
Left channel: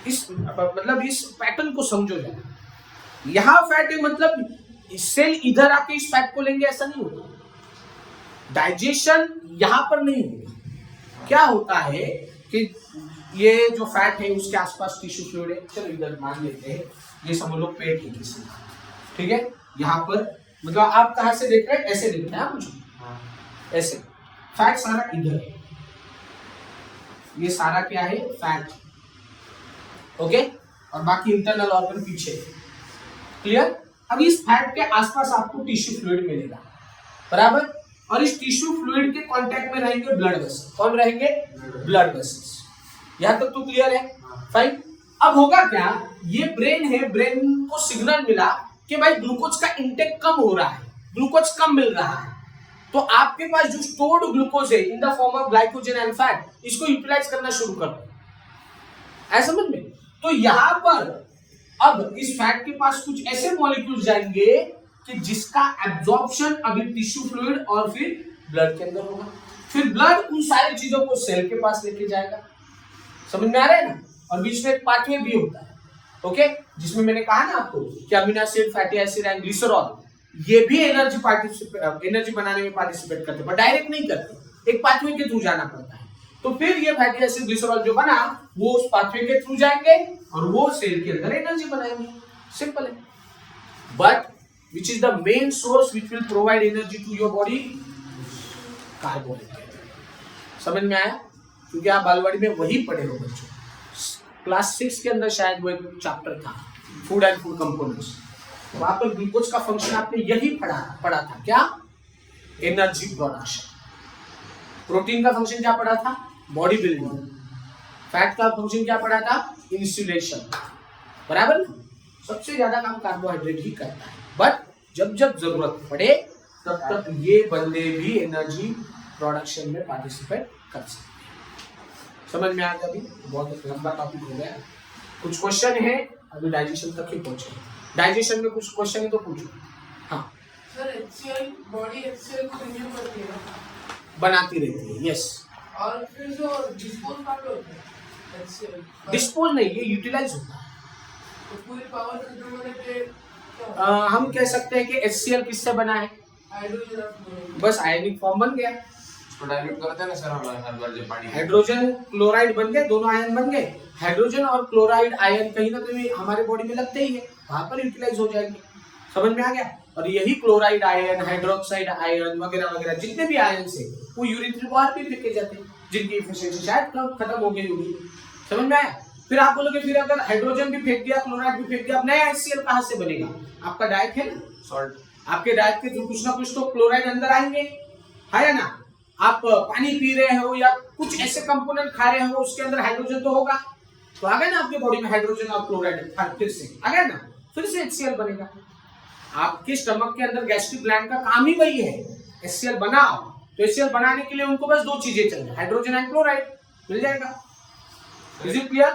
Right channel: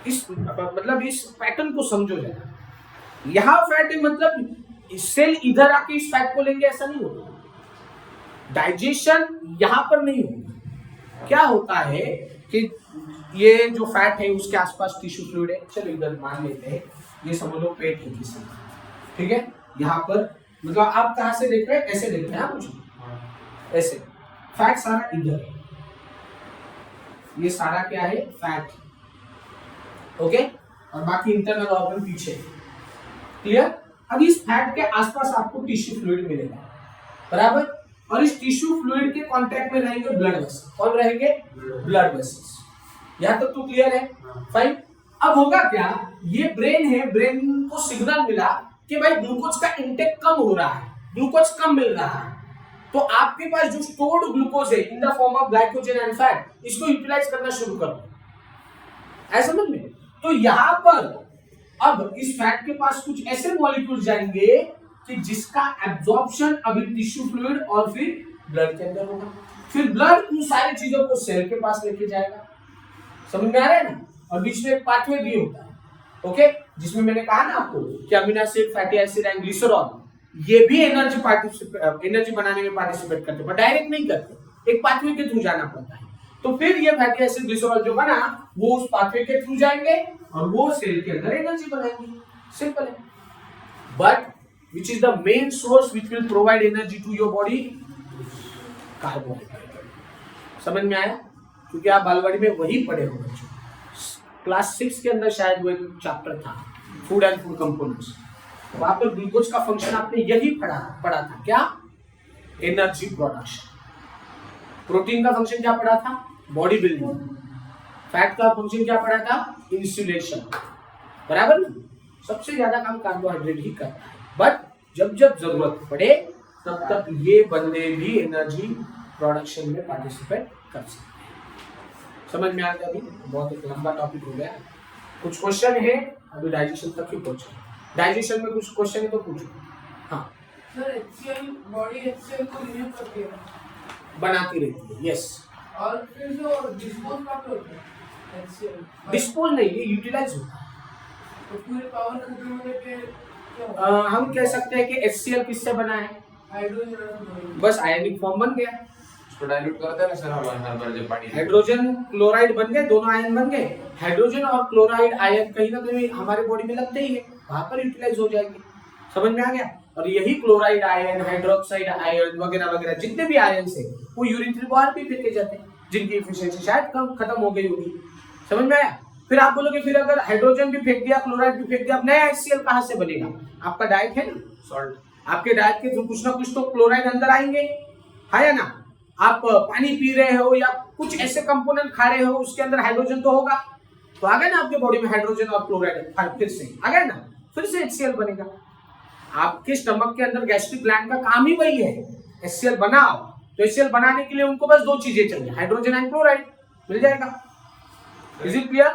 इस मतलब इस पैटर्न को समझो जरा। यहाँ फैट है मतलब सेल इधर आके इस फैट को लेंगे, ऐसा नहीं होता। डाइजेशन यहाँ पर नहीं होगा। क्या होता है कि ये जो फैट है उसके आसपास टिश्यू फ्लूइड है, चलो इधर मान लेते हैं, ये समझ लो पेट है किसी का, ठीक है। यहाँ पर मतलब आप कहाँ से देख रहे हैं? ऐसे देख रहे हैं आप मुझे, ऐसे। फैट सारा इधर है, ये सारा क्या है? Fat, okay. और बाकी इंटरनल ऑर्गन पीछे, क्लियर। अब इस फैट के आसपास आपको टिश्यू फ्लूइड मिलेगा, बराबर। और इस टिश्यू फ्लूइड के कांटेक्ट में रहेंगे ब्लड वेसल। कौन रहेंगे? Blood vessels. यहाँ तक तो क्लियर है? फाइन। अब होगा क्या, ये ब्रेन है, ब्रेन को सिग्नल मिला कि भाई ग्लूकोज का इंटेक कम हो रहा है, ग्लूकोज कम मिल रहा है, तो आपके पास जो स्टोर्ड ग्लूकोज है in the form of glycogen and fat, इसको यूटिलाइज करना शुरू कर दो। ऐसा समझ में? तो यहां पर अब इस फैट के पास कुछ ऐसे मॉलिक्यूल्स जाएंगे कि जिसका एब्जॉर्प्शन अभी टिश्यू फ्लूइड और फिर ब्लड के अंदर होगा, फिर ब्लड उन सारी चीजों को सेल के पास लेके जाएगा। समझ में आ रहा है ना? और बीच में एक पाथवे भी होता है, ओके, जिसमें मैंने कहा ना आपको कि amino acid, fatty acid and glycerol ये भी एनर्जी बनाने में पार्टिसिपेट करते हैं, पर डायरेक्ट नहीं करते, एक पाथवे के थ्रू जाना पड़ता है। तो फिर ये फैटी एसिड, ग्लिसरॉल जो बना वो उस पाथवे के थ्रू जाएंगे और वो सेल के अंदर एनर्जी बनाएंगे। सिंपल है। But which is the main source which will provide energy to your body? Carbohydrate. समझ में आया? क्योंकि आप बालवाड़ी में वही पढ़े हो बच्चों, क्लास 6 के अंदर शायद वो एक चैप्टर था, फूड एंड फूड कंपोनेंट्स, वहां पर ग्लूकोज का फंक्शन आपने यही पढ़ा था। क्या? Energy production. प्रोटीन का फंक्शन क्या पढ़ा था? Body building. फैट का फंक्शन क्या पढ़ा था? इंसुलेशन। बराबर ना? सबसे ज्यादा काम कार्बोहाइड्रेट ही करता है, बट जब जब जरूरत पड़े तब तक ये बंदे भी एनर्जी प्रोडक्शन में पार्टिसिपेट कर सकते हैं। समझ में आ गया? अभी बहुत लंबा टॉपिक हो गया। कुछ क्वेश्चन है, अभी डाइजेशन तक ही पहुंचे। डाइजेशन में कुछ क्वेश्चन है तो पूछो। हाँ सर, HCl बॉडी HCl को रिन्यू करती है, बनाती रहती है। यस। और फिर जो डिस्पोज कहाँ पे होता है HCl? डिस्पोज नहीं, ये यूटिलाइज होता है। तो पूरे पावर खत्म होने पे क्या होता है? हम कह सकते हैं कि HCl किससे बना है? हाइड्रोजन और क्लोरीन। बस आयनिक फॉर्म बन गया। उसको डाइल्यूट करते हैं ना सर हमारे हर बार जब पानी हाइड्रोजन क्लोराइड बन गए, दोनों आयन बन गए। हाइड्रोजन और क्लोराइड आयन कहीं ना कहीं हमारे बॉडी में लगते ही है, वहां पर यूटिलाइज हो जाएंगे। समझ में आ गया? और यही क्लोराइड आयन, हाइड्रोक्साइड आयन वगैरह वगैरह जितने भी आयन से वो यूरिन बाहर भी फेंके जाते हैं, जिनकी एफिशिएंसी शायद खत्म हो गई होगी। समझ में आया? फिर आप बोलोगे फिर अगर हाइड्रोजन भी फेंक दिया, क्लोराइड भी फेंक दिया, अब नया HCl कहां से बनेगा? आपका डाइट है ना, सॉल्ट, आपके डाइट के थ्रू कुछ ना कुछ तो क्लोराइड अंदर आएंगे, है ना? आप पानी पी रहे हो या कुछ ऐसे कंपोनेंट खा रहे हो, उसके अंदर हाइड्रोजन तो होगा, तो आ गया ना आपके बॉडी में हाइड्रोजन और क्लोराइड, फिर से आ गया ना, फिर से HCl बनेगा। आपके स्टमक के अंदर गैस्ट्रिक ग्लैंड का काम ही वही है, HCl बनाओ। तो HCl बनाने के लिए उनको बस दो चीजें चाहिए, हाइड्रोजन एंड क्लोराइड, मिल जाएगा। Is it clear?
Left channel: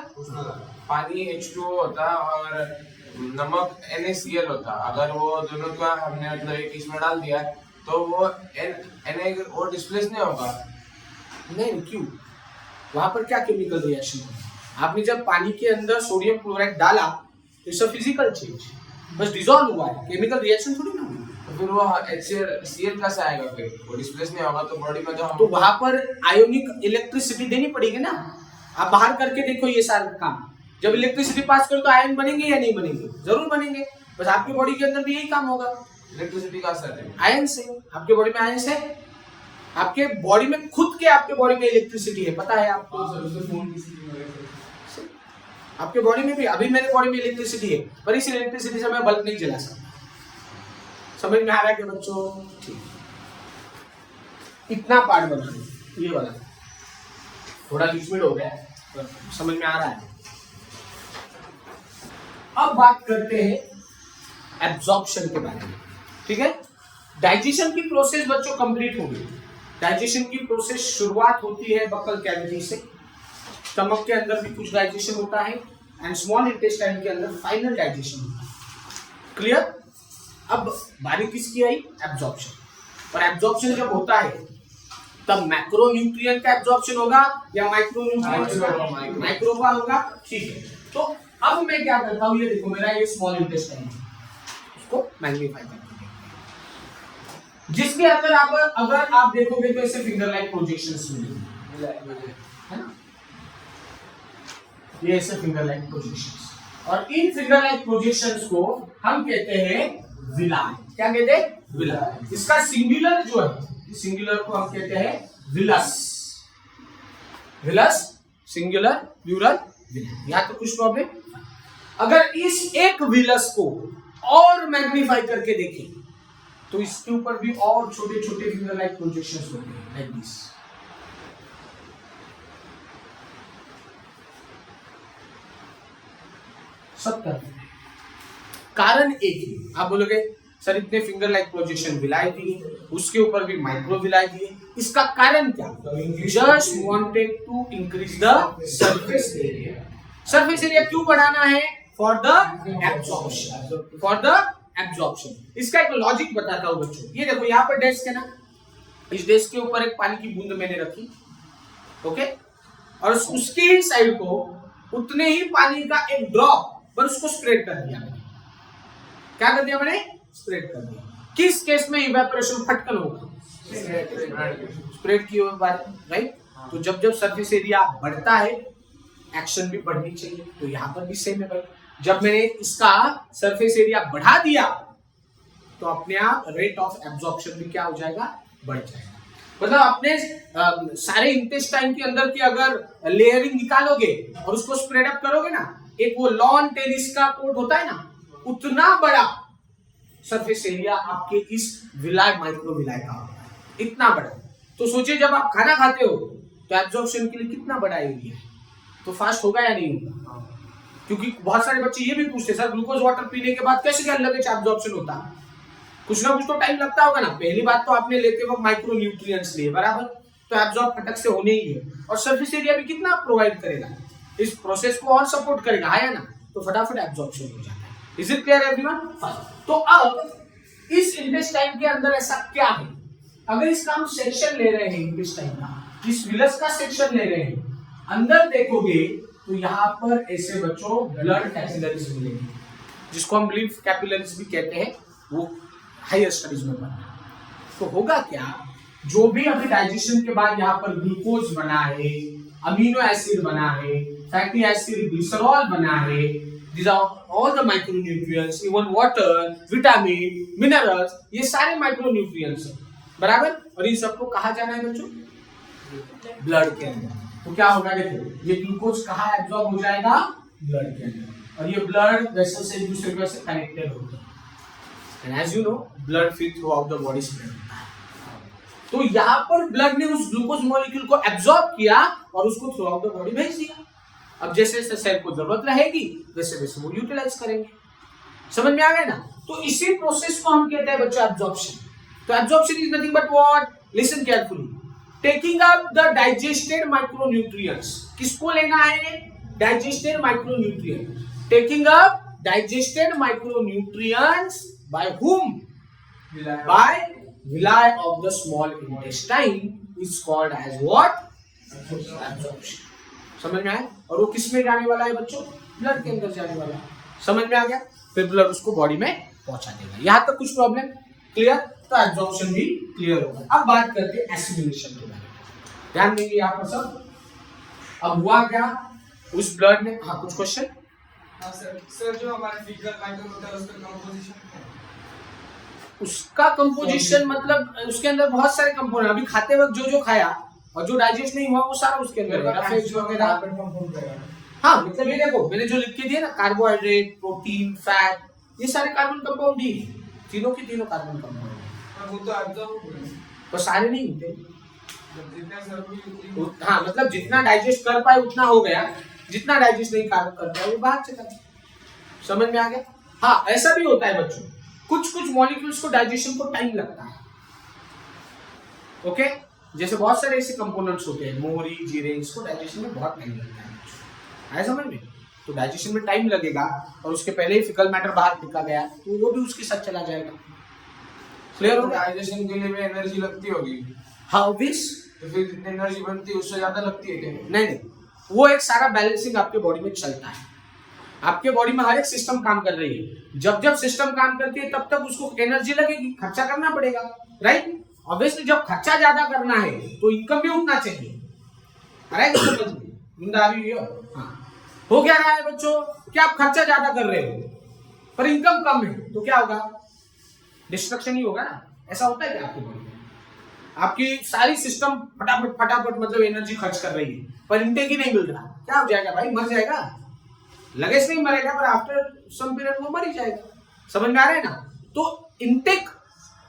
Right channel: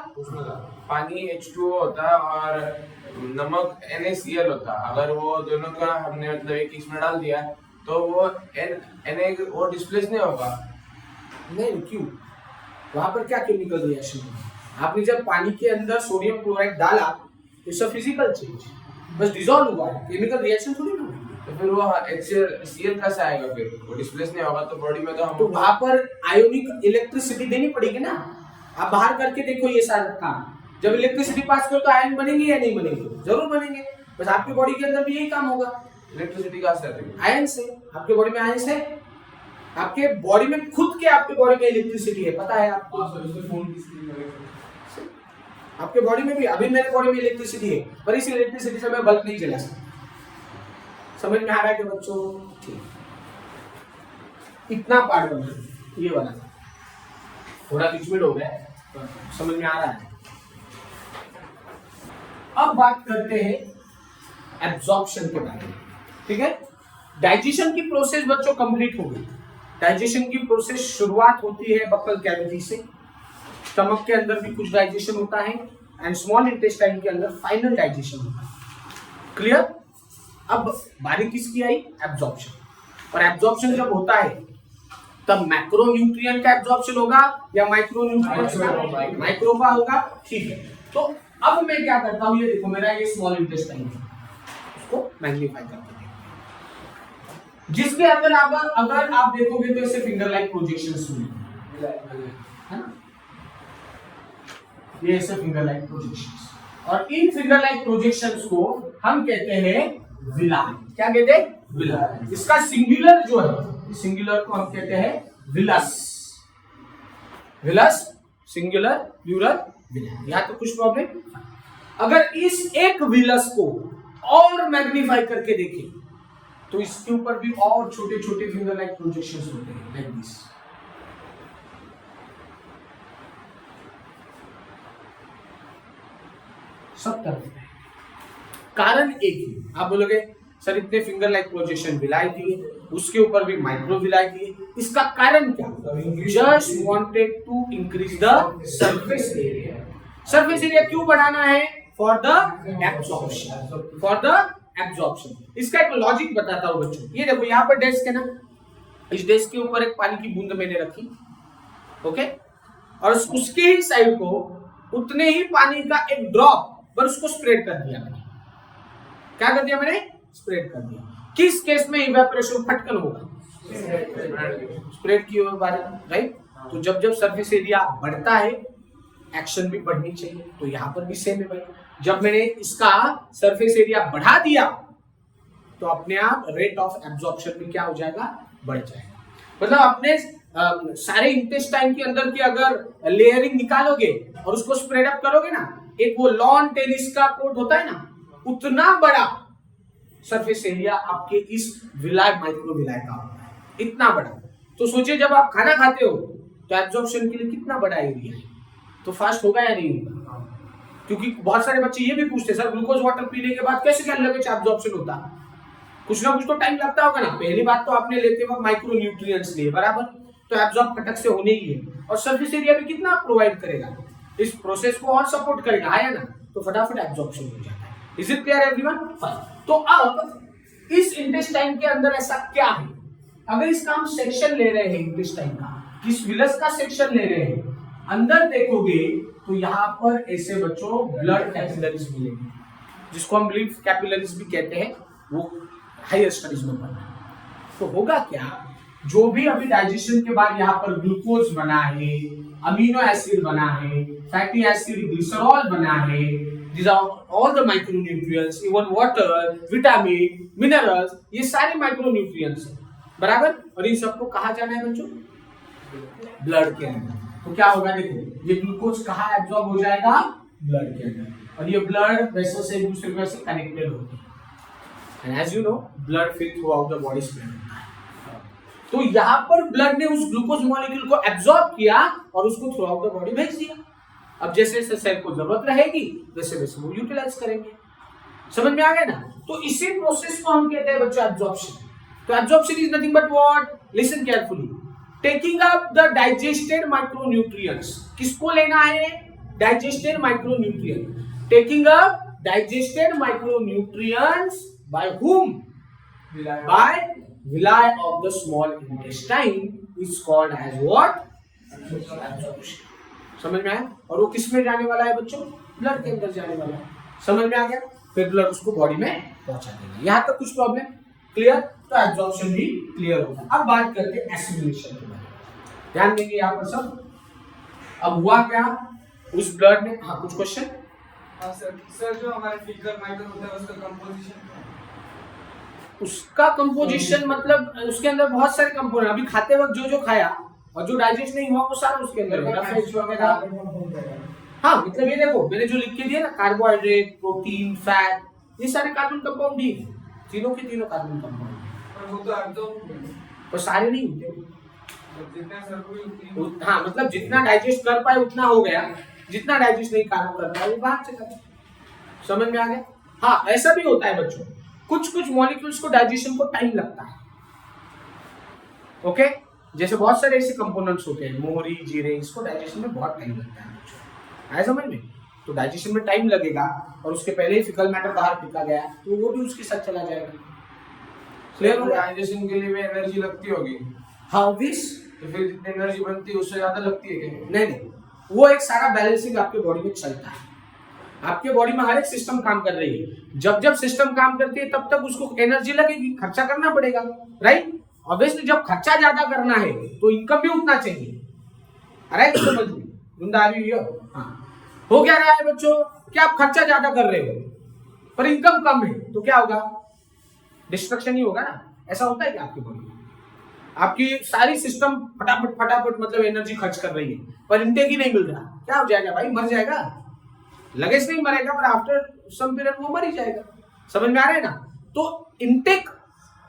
पानी H2O होता है और नमक NaCl होता है। अगर वो दोनों का हमने मतलब एक इसमें डाल दिया तो वो वो डिस्प्लेस नहीं होगा। नहीं, क्यों? वहां पर क्या केमिकल रिएक्शन हुआ? आपने जब पानी के अंदर सोडियम क्लोराइड डाला, इट्स अ फिजिकल चेंज, बस डिसॉल्व हुआ है, केमिकल रिएक्शन थोड़ी ना हुई। तो फिर वो HCl कैसे आएगा? फिर वो डिस्प्लेस नहीं होगा तो बॉडी में तो हम तो वहां पर आयोनिक इलेक्ट्रिसिटी देनी पड़ेगी ना। आप बाहर करके देखो ये सारा काम, जब इलेक्ट्रिसिटी पास करो तो आयन बनेंगे या नहीं बनेंगे? जरूर बनेंगे। बस आपकी बॉडी के अंदर भी यही काम होगा, इलेक्ट्रिसिटी कहाँ से आती है? आयन से। आपके बॉडी में आयन है, आपके बॉडी में खुद के आपके बॉडी में इलेक्ट्रिसिटी है, पता है आपको? हाँ सर, उससे फोन की स्क्रीन वगैरह। आपके बॉडी में भी, अभी मेरे बॉडी में इलेक्ट्रिसिटी है, पर इस इलेक्ट्रिसिटी से मैं बल्ब नहीं जला सकता। समझ में आ रहा है कि बच्चों? ठीक, इतना पार्ट बना ये वाला, थोड़ा लिक्विड हो गया, समझ में आ रहा है। अब बात करते हैं एब्जॉर्प्शन के बारे में, ठीक है? डाइजेशन की प्रोसेस बच्चों कंप्लीट हो गई। डाइजेशन की प्रोसेस शुरुआत होती है बक्कल कैविटी से, स्टमक के अंदर भी कुछ डाइजेशन होता है एंड स्मॉल इंटेस्टाइन के अंदर फाइनल डाइजेशन होता है। क्लियर? अब बारी किसकी आई? एब्जॉर्प्शन। और एब्जॉर्प्शन जब होता है तब मैक्रोन्यूट्रिएंट का एब्जॉर्प्शन होगा या माइक्रोन्यूट्रिएंट्स का? माइक्रो का होगा, ठीक है। तो अब मैं क्या करता हूं, ये देखो मेरा ये स्मॉल इंटेस्टाइन है, उसको मैग्नीफाई करते हैं, जिसके अंदर अगर आप देखोगे तो ऐसे फिंगर लाइक प्रोजेक्शंस मिलेंगे, है ना? ये ऐसे फिंगर लाइक प्रोजेक्शंस, और इन फिंगर लाइक प्रोजेक्शंस को हम कहते हैं विलाई। क्या कहते हैं? विलाई। इसका सिंगुलर जो है, सिंगुलर को हम कहते हैं villus. Villus singular, plural villi. यहां तो कुछ प्रॉब्लम? अगर इस एक विलस को और मैग्नीफाई करके देखें तो इसके ऊपर भी और छोटे छोटे फिंगर लाइक प्रोजेक्शंस होते हैं, लाइक दिस। सब तरफ में। कारण एक ही, आप बोलोगे सर इतने फिंगर लाइक प्रोजेक्शन विलाई दिए, उसके ऊपर भी माइक्रो विलाई दिए, इसका कारण क्या? Just wanted to increase the surface area. Surface area क्यों बढ़ाना है? For the absorption, for the absorption. इसका एक लॉजिक बताता हूं बच्चों। ये देखो यहाँ पर डेस्क है ना, इस डेस्क के ऊपर एक पानी की बूंद मैंने रखी, ओके, और उसके ही साइड को उतने ही पानी का एक ड्रॉप पर उसको स्प्रेड कर दिया मैंने। क्या कर दिया मैंने? स्प्रेड कर दिया। किस केस में इवेपोरेशन फटकन होगा? स्प्रेड किए हुए बारे, राइट। तो जब जब सरफेस एरिया बढ़ता है एक्शन भी बढ़नी चाहिए, तो यहाँ पर भी सेम है भाई। जब मैंने इसका सरफेस एरिया बढ़ा दिया तो अपने आप रेट ऑफ एब्जॉर्प्शन भी क्या हो जाएगा? बढ़ जाएगा। मतलब अपने सारे इंटेस्टाइन के अंदर की अगर लेयरिंग निकालोगे और उसको स्प्रेड अप करोगे ना, एक वो लॉन टेनिस का कोर्ट होता है ना, उतना बड़ा सरफेस एरिया आपके इस विलाय माइक्रो विलाय का होता है, इतना बड़ा। तो सोचिए जब आप खाना खाते हो तो एब्जॉर्प्शन के लिए कितना बड़ा एरिया है, तो फास्ट होगा या नहीं होगा? क्योंकि बहुत सारे बच्चे ये भी पूछते हैं सर ग्लूकोज वाटर पीने के बाद कैसे क्या लगे एब्जॉर्प्शन होता? कुछ ना कुछ तो टाइम लगता होगा ना। पहली बात तो आपने लेते वक्त माइक्रो न्यूट्रिएंट्स लिए, बराबर, तो एब्जॉर्ब फटक से होने ही है, और सरफेस एरिया भी कितना प्रोवाइड करेगा, इस प्रोसेस को और सपोर्ट करेगा, है ना, तो फटाफट एब्जॉर्प्शन हो जाता है। Is it clear everyone? तो अब इस इंटेस्टाइन के अंदर ऐसा क्या है? अगर इसका हम सेक्शन ले रहे हैं इंटेस्टाइन का, इस विलस का सेक्शन ले रहे हैं, अंदर देखोगे तो यहाँ पर ऐसे बच्चों ब्लड कैपिलरीज मिलेंगे, जिसको हम लिम्फ कैपिलरीज भी कहते हैं, वो हायर स्टडीज में पढ़ना। तो होगा क्या, जो भी अभी डाइजेशन के बाद यहाँ पर ग्लूकोज बना है, अमीनो एसिड बना है, फैटी एसिड, ग्लिसरॉल बना है, these are all the micronutrients, even water, vitamin, minerals, ये सारे माइक्रोन्यूट्रिएंट्स हैं, बराबर। और इन सबको कहाँ जाना है बच्चों? ब्लड के अंदर। तो क्या होगा, देखो ये ग्लूकोज कहाँ एब्जॉर्ब हो जाएगा? ब्लड के अंदर, और ये ब्लड वेसल से एक दूसरे से कनेक्टेड होते हैं। And as you know blood फिर throughout the body spread होता है। तो यहाँ पर ब्लड ने उस ग्लूकोज मॉलिक्यूल को एब्जॉर्ब किया और उसको थ्रू आउट द बॉडी भेज दिया। अब जैसे जैसे सेल को जरूरत रहेगी वैसे वैसे वो यूटिलाइज करेंगे। समझ में आ गया ना? तो इसी प्रोसेस को हम कहते हैं बच्चों एब्जॉर्प्शन। तो absorption is nothing but what? Listen carefully, taking up the digested micronutrients. किसको लेना है? Digested micronutrient. Taking up digested micronutrients by whom? By villi of the small intestine is called as what? Absorption. समझ में आया? और वो किस में जाने वाला है बच्चों? ब्लड के अंदर जाने वाला है। समझ में आ गया? फिर ब्लड उसको बॉडी में पहुंचा देगा। यहाँ तक कुछ प्रॉब्लम क्लियर? तो एब्जॉर्प्शन भी क्लियर होगा। अब बात करते हैं एसिमिलेशन के बारे में। ध्यान देंगे यहाँ पर सब। अब हुआ क्या, उस ब्लड ने, हाँ कुछ क्वेश्चन? हाँ सर जो हमारा फिगर माइक्रो होता है उसका कंपोजिशन, उसका कंपोजिशन मतलब उसके अंदर बहुत सारे कंपोनेंट, अभी खाते वक्त जो जो खाया और जो डाइजेस्ट नहीं हुआ वो सारा उसके अंदर है, फैट्स वगैरह। हाँ मतलब ये देखो मैंने जो लिख के दिया ना, कार्बोहाइड्रेट, प्रोटीन, फैट, ये सारे कार्बन कंपाउंड ही है, तीनों के तीनों कार्बन कंपाउंड है। वो तो एब्जॉर्ब तो सारे नहीं होते, जितना सर कोई, हाँ मतलब जितना डाइजेस्ट कर पाए उतना हो गया, जितना डाइजेस्ट नहीं कर पाए वो बाहर चला गया। समझ में आ गया? हाँ ऐसा भी होता है बच्चों, कुछ कुछ मॉलिक्यूल्स को डाइजेशन को टाइम लगता है। ओके, जैसे बहुत सारे ऐसे कंपोनेंट्स होते हैं, मोहरी, जीरे, इसको डाइजेशन में बहुत टाइम लगता है बच्चों, आया समझ में? तो डाइजेशन में टाइम लगेगा और उसके पहले ही फिकल मैटर बाहर फेंका गया तो वो भी उसके साथ चला जाएगा। क्लियर हो गया? डाइजेशन के लिए भी एनर्जी लगती होगी, हाँ ऑब्वियस। तो फिर जितनी एनर्जी बनती है उससे ज्यादा लगती है क्या? नहीं, वो एक सारा बैलेंसिंग आपके बॉडी में चलता है। आपके बॉडी में हर एक सिस्टम काम कर रही है, जब जब सिस्टम काम करती है तब तक उसको एनर्जी लगेगी, खर्चा करना पड़ेगा, राइट? ऑब्वियसली जब खर्चा ज्यादा करना है तो इनकम भी उतना चाहिए। अरे समझ में गुंडा आ रही हो? हाँ, हो क्या रहा है बच्चों कि आप खर्चा ज्यादा कर रहे हो पर इनकम कम है, तो क्या होगा? डिस्ट्रक्शन ही होगा ना। ऐसा होता है क्या आपकी बॉडी में? आपकी सारी सिस्टम फटाफट फटाफट मतलब एनर्जी खर्च कर रही है पर इनटेक ही नहीं मिल रहा, क्या हो जाएगा भाई? मर जाएगा। लगे से नहीं मरेगा पर आफ्टर सम पीरियड वो मर ही जाएगा। समझ में आ रहा है ना? तो इनटेक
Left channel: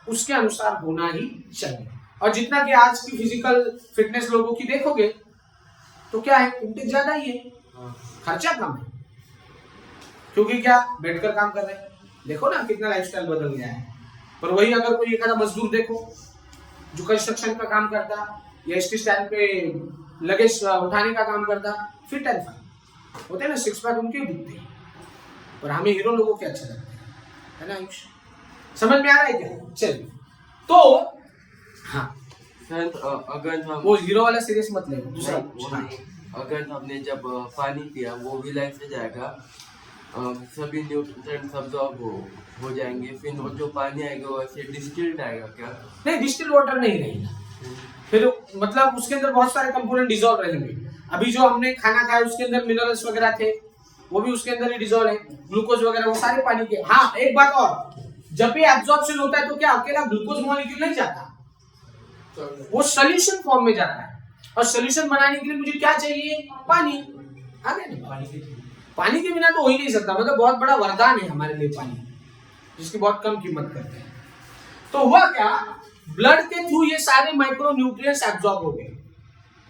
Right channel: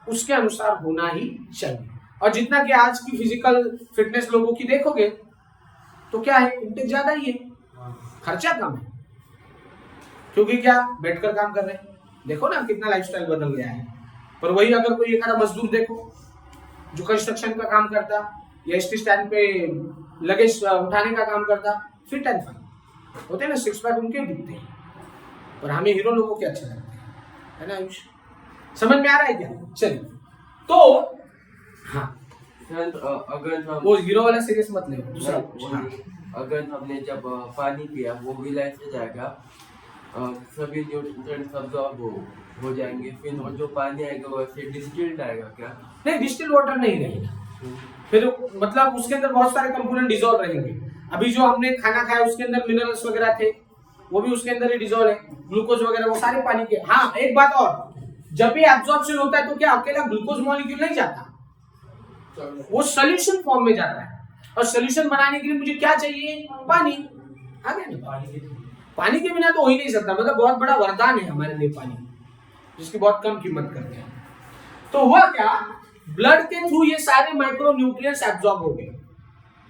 उसके अनुसार होना ही चाहिए। और जितना कि आज की फिजिकल फिटनेस लोगों की देखोगे तो क्या है, इनटेक ज्यादा ही है, खर्चा कम है। क्योंकि क्या बैठकर काम कर रहे हैं। देखो ना कितना लाइफस्टाइल बदल गया है। पर वही अगर कोई एक आधा मजदूर देखो जो कंस्ट्रक्शन का काम करता या एसटी स्टैंड पे लगेज उठाने का काम करता, फिट एंड फाइन होते हैं ना, सिक्स पैक उनके दिखते हैं। पर हमें हीरो लोगों के अच्छे लगते हैं, है ना आयुष? समझ में आ रहा है क्या? चलिए तो हाँ सर अगर हम वो हीरो वाला सीरियस मत ले, दूसरा हाँ। अगर हमने जब पानी पिया वो भी लाइफ से जाएगा, सभी न्यूट्रिएंट्स अब्सॉर्ब हो जाएंगे, फिर वो जो पानी आएगा वो ऐसे डिस्टिल्ड आएगा क्या? नहीं, डिस्टिल्ड वाटर नहीं रहेगा, फिर मतलब उसके अंदर बहुत सारे कंपोनेंट डिसॉल्व रहेंगे। अभी जो हमने खाना खाया उसके अंदर मिनरल्स वगैरह थे, वो भी उसके अंदर ही डिसॉल्व है, ग्लूकोज वगैरह वो सारे पानी के। हाँ एक बात और, जब भी एब्जॉर्प्शन होता है तो क्या अकेला ग्लूकोज मॉलिक्यूल नहीं जाता, वो सोल्यूशन फॉर्म में जाता है। और सोल्यूशन बनाने के लिए मुझे क्या चाहिए? पानी। आ गया ना? पानी के बिना तो हो ही नहीं सकता, मतलब बहुत बड़ा वरदान है हमारे लिए पानी, जिसकी बहुत कम कीमत करते हैं। तो हुआ क्या, ब्लड के थ्रू ये सारे माइक्रो न्यूट्रिएंट्स एब्जॉर्ब हो गए,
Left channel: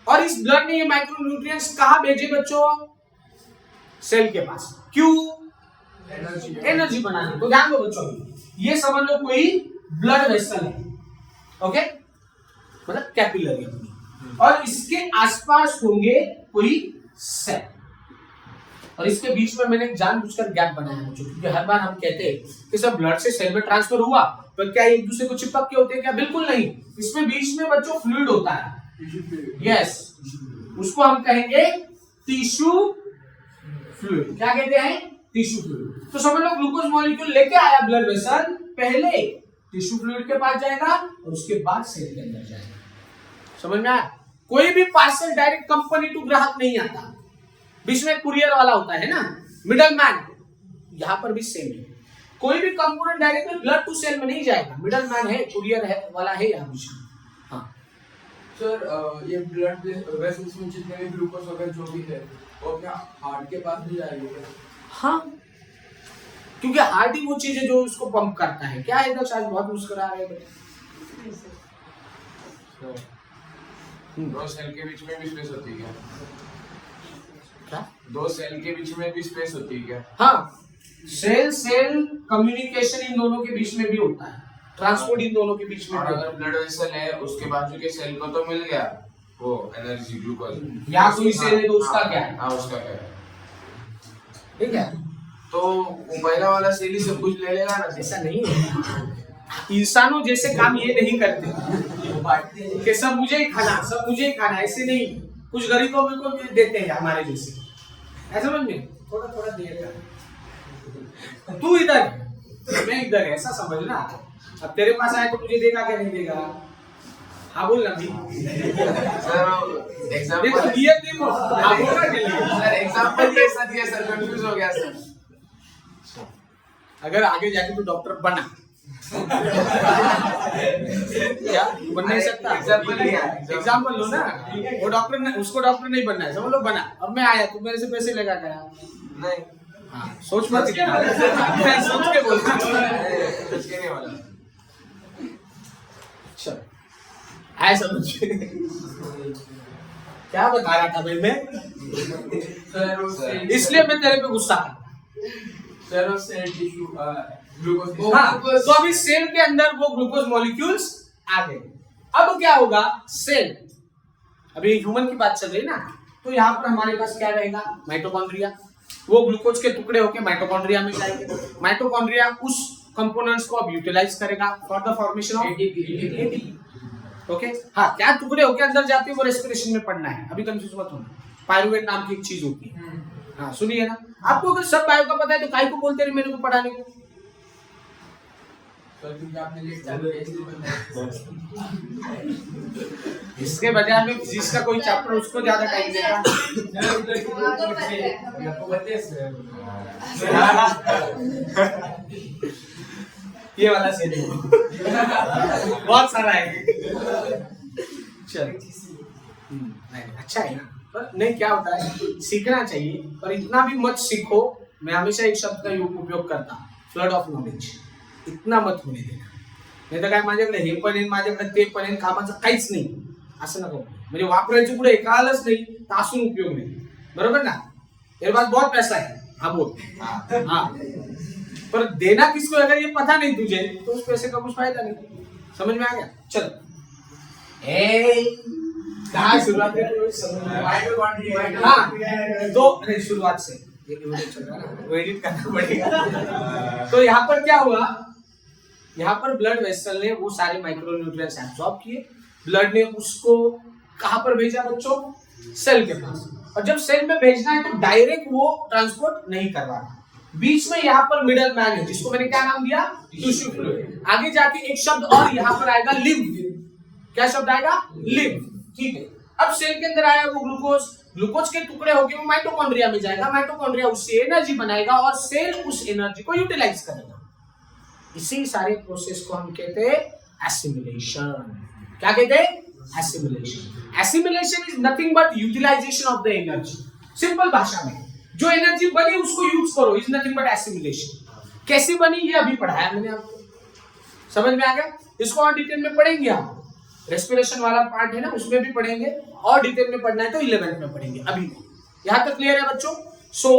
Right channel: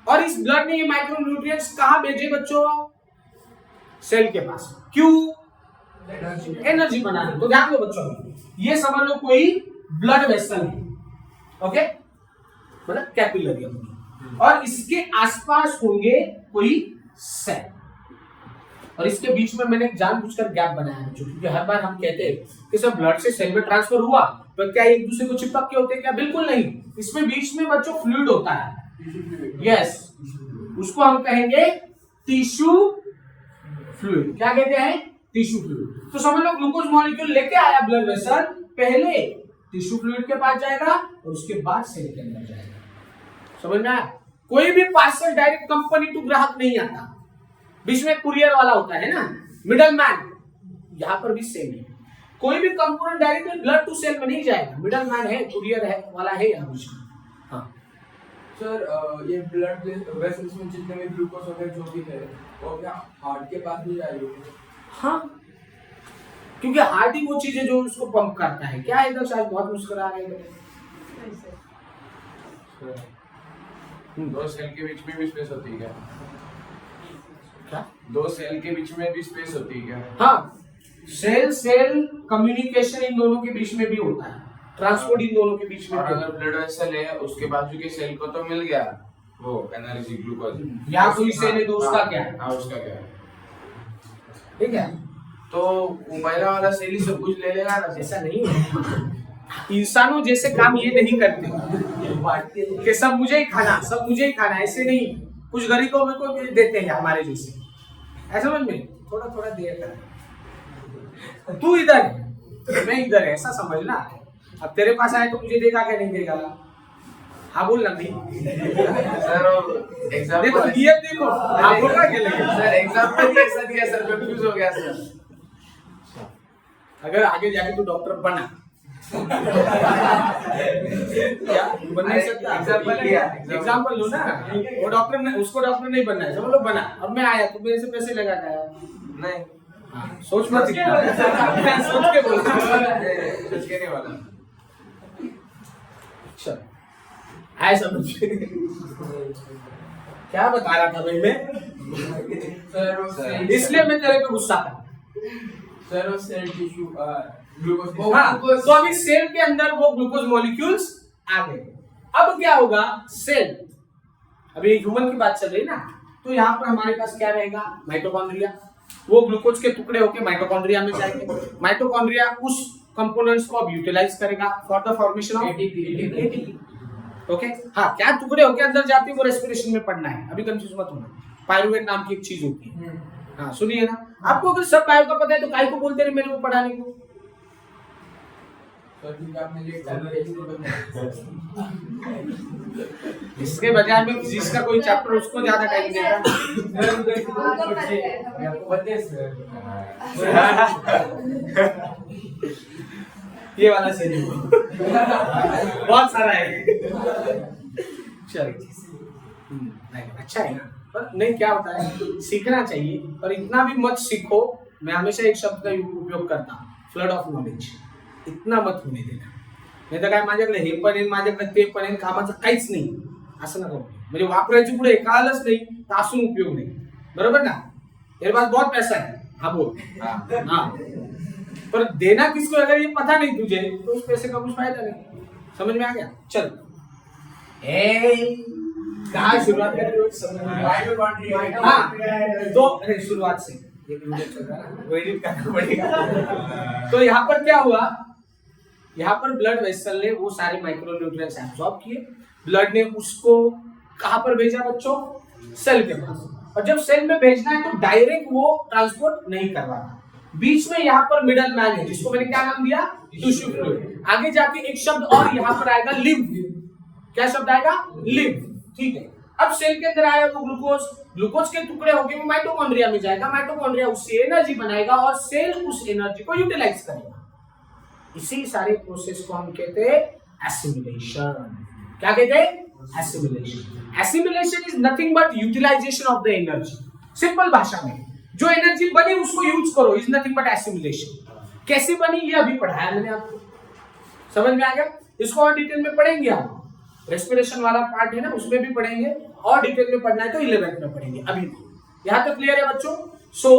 और इस ब्लड ने ये माइक्रो न्यूट्रिएंट्स कहां भेजे बच्चों? सेल के पास। क्यों? एनर्जी बनाने। तो ध्यान दो बच्चों, ये समझ लो कोई ब्लड वेसल है, ओके, मतलब कैपिलरी अपनी, और इसके आसपास होंगे कोई सेल, और इसके बीच में मैंने जानबूझकर गैप बनाया है, क्योंकि हर बार हम कहते हैं कि सब ब्लड से सेल में ट्रांसफर हुआ तो क्या एक दूसरे को चिपक के होते हैं क्या? बिल्कुल नहीं, इसमें बीच में बच्चों फ्लूइड होता है। यस, उसको हम कहेंगे टिश्यू फ्लूइड। क्या कहते हैं? Tissue fluid. तो समझ लो ग्लूकोज मॉलिक्यूल लेके आया ब्लड वेसल, पहले टिश्यू फ्लूइड के पास जाएगा और उसके बाद सेल के अंदर जाएगा। समझ में आया? कोई भी पार्सल डायरेक्ट कंपनी टू ग्राहक नहीं आता, बीच में कुरियर वाला होता है ना, मिडल मैन। यहां पर भी सेम है, कोई भी component directly blood to cell में नहीं जाएगा, मिडल मैन है, कुरियर है वाला है यहाँ बीच में। हाँ सर ये ब्लड वेसल्स में जितने भी ग्लूकोज वगैरह जो भी है वो अपने हार्ट के पास नहीं जाएगी? हाँ, क्योंकि हार्ट ही वो चीज है जो उसको पंप करता है। क्या है इधर, आज बहुत मुस्कुरा रहे हैं। दो सेल के बीच में भी स्पेस होती है क्या? क्या? दो सेल के बीच में भी स्पेस होती है क्या? हाँ, सेल सेल कम्युनिकेशन इन दोनों के बीच में भी होता है, ट्रांसपोर्ट इन दोनों के बीच में और भी अगर होता है। ब्लड वेसल है उसके बाजू के सेल को तो मिल गया वो एनर्जी ग्लूकोज, या कोई सेल है तो उसका क्या है? हाँ उसका क्या है? ठीक है, तो वो पहला वाला सेल ही सब कुछ ले लेगा ना? ऐसा नहीं है। इंसानों जैसे काम ये नहीं करते कि सब मुझे ही खाना, सब मुझे ही खाना, ऐसे नहीं। कुछ गरीबों में को देते हैं हमारे जैसे, ऐसा समझ में थोड़ा थोड़ा दिया कर। तू इधर है मैं इधर है, ऐसा समझना। अब तेरे पास आए तो मुझे देगा क्या नहीं देगा ना? हाँ बोल ना भी सर एग्जांपल देखो दिए देखो, हाँ बोलना के लिए सर एग्जांपल ही ऐसा दिया सर, कंफ्यूज हो गया सर। अगर आगे जाके तू डॉक्टर बना क्या बन नहीं सकता? एग्जांपल लिया, एग्जांपल लो ना। वो डॉक्टर, उसको डॉक्टर नहीं बनना है, समझ लो बना। अब मैं आया तो मेरे से पैसे लगा के आया। नहीं हाँ, सोच मत इतना। सोच के बोल। कुछ कहने वाला चल आए समझ। क्या बता रहा था भाई मैं? सर वो सेल इसलिए मैं तेरे पे गुस्सा था। सर वो सेल टिश्यू ग्लूकोज हाँ, तो अभी सेल के अंदर वो ग्लूकोज मॉलिक्यूल्स आ गए। अब क्या होगा? सेल, अभी ह्यूमन की बात चल रही ना, तो यहाँ पर हमारे पास क्या रहेगा? माइटोकॉन्ड्रिया। वो ग्लूकोज के टुकड़े होके माइटोकॉन्ड्रिया में जाएंगे। माइटोकॉन्ड्रिया उस कंपोनेंट्स को अब यूटिलाइज करेगा for the formation of ATP. Okay, हाँ, क्या टुकड़े होके अंदर जाते हैं वो रेस्पिरेशन में पढ़ना है, अभी कंफ्यूज मत होना। पायरुवेट नाम की एक चीज होती है, हाँ सुनिए ना। आपको अगर सब बायो का पता है तो काहे को बोलते रहे मेरे को पढ़ाने को? आपने लेट चैप्टर इसके बजाय में फिजिक्स का कोई चैप्टर उसको ज्यादा टाइम देता। ये वाला से बहुत सारा है। चल नहीं, अच्छा है ना, पर नहीं क्या होता है, सीखना चाहिए, पर इतना भी मत सीखो। मैं हमेशा एक शब्द का उपयोग करता, फ्लड ऑफ नॉलेज। इतना मत होणे देना, नाही तर काय माझ्याकडे हे पण आहे, माझ्याकडे ते पण आहे, कामाचं काहीच नाही असं नको। म्हणजे वापरायचं पुढे कळालंच नाही तर असून उपयोग नाही, बरोबर ना? मेरे पास बहुत पैसा है, हाँ बोल। हाँ हाँ, पर देना किसको अगर ये पता नहीं तुझे तो उस पैसे का कुछ फायदा नहीं। समझ में आ गया? चल कहाँ शुरुआत करें? हाँ तो अरे शुरुआत से ये वीडियो चल रहा है ना, वो एडिट करना पड़ेगा। तो यहाँ पर क्या हुआ, यहाँ पर ब्लड वेसल ने वो सारे माइक्रो न्यूट्रिएंट्स एब्सॉर्ब किए, ब्लड ने उसको कहाँ पर भेजा बच्चों? सेल के पास। और जब सेल में भेजना है तो डायरेक्ट वो ट्रांसपोर्ट नहीं करवाना, बीच में यहाँ पर मिडल मैन है जिसको मैंने क्या नाम दिया? Tissue fluid. आगे जाके एक शब्द और यहाँ पर आएगा, लिम्फ। क्या शब्द आएगा? लिम्फ। ठीक है, अब सेल के अंदर आया वो ग्लूकोज, ग्लूकोज के टुकड़े होके वो माइटोकॉन्ड्रिया में जाएगा, माइटोकॉन्ड्रिया उससे एनर्जी बनाएगा और सेल उस एनर्जी को यूटिलाइज करेगा। इसी सारे प्रोसेस को हम कहते हैं एसिमिलेशन। क्या कहते हैं? Assimilation. Assimilation is nothing but utilization of the energy. Simple भाषा में जो एनर्जी बनी उसको यूज करो, इज नथिंग बट एसिमिलेशन। कैसे बनी ये अभी पढ़ाया मैंने आपको, समझ में आ गया? इसको और डिटेल में पढ़ेंगे हम, रेस्पिरेशन वाला पार्ट है ना उसमें भी पढ़ेंगे, और डिटेल में पढ़ना है तो 11th में पढ़ेंगे, अभी नहीं। यहां तक क्लियर है बच्चों? सो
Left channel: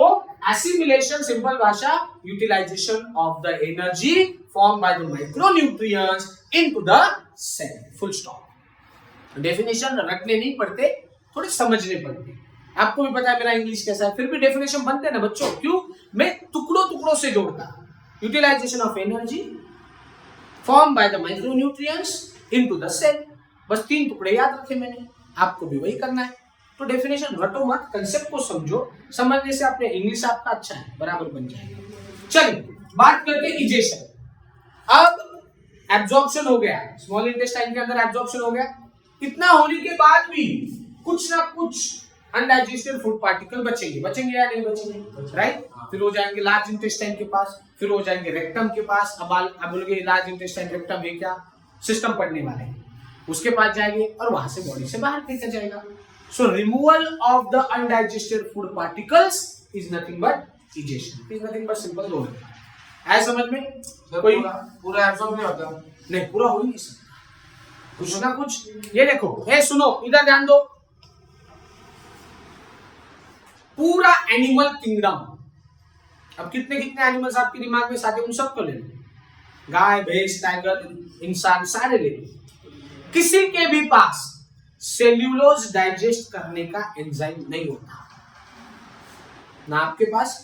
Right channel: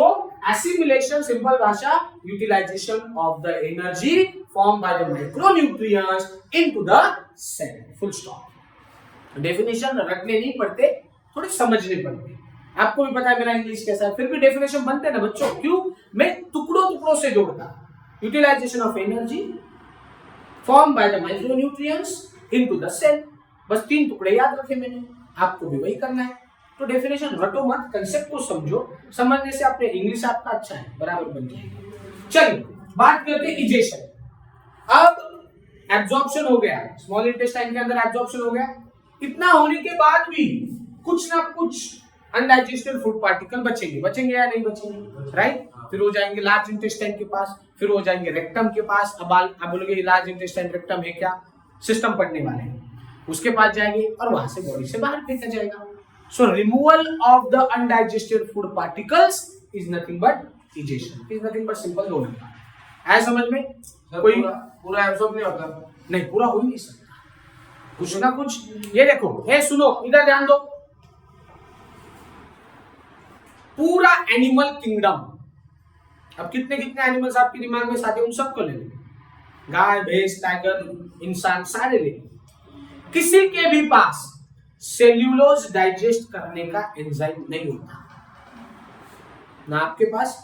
एसिमिलेशन सिंपल भाषा, utilization of the energy formed by the micronutrients into the cell, full stop। Definition रटने नहीं पड़ते, थोड़े समझने पड़ते। आपको भी पता है मेरा इंग्लिश कैसा है, फिर भी डेफिनेशन बनते हैं ना बच्चों। क्यों? मैं टुकड़ों टुकड़ों से जोड़ता। Utilization of energy form by the micronutrients into the cell. बस 3 टुकड़े याद रखे मैंने, आपको भी वही करना है। तो डेफिनेशन रटो मत, कंसेप्ट को समझो, समझने से अपने इंग्लिश आपका अच्छा है, बराबर बन जाएगा। चलिए बात करते हैं इजेशन। अब एब्जॉर्प्शन हो गया, स्मॉल इंटेस्टाइन के अंदर एब्जॉर्प्शन हो गया, इतना होने के बाद भी कुछ ना कुछ अनडाइजेस्टेड फूड पार्टिकल बचेंगे, बचेंगे या नहीं बचेंगे? राइट। फिर हो जाएंगे लार्ज इंटेस्टाइन के पास, फिर हो जाएंगे रेक्टम के पास। अब आप बोलोगे लार्ज इंटेस्टाइन रेक्टम है क्या? सिस्टम पढ़ने वाले हैं, उसके पास जाएंगे और वहां से बॉडी से बाहर फेंका जाएगा। सो removal of the undigested food particles is nothing but egestion, is nothing but simple दो। है समझ में? कोई पूरा एब्सॉर्ब नहीं होता? नहीं, पूरा हो ही नहीं सकता, कुछ ना कुछ। ये देखो, ए सुनो, इधर ध्यान दो। पूरा एनिमल किंगडम, अब कितने कितने एनिमल्स आपके दिमाग में साथ, उन सबको ले लो, गाय भैंस टाइगर इंसान सारे ले लो। किसी के भी पास सेल्यूलोज डाइजेस्ट करने का एंजाइम नहीं होता, ना आपके पास,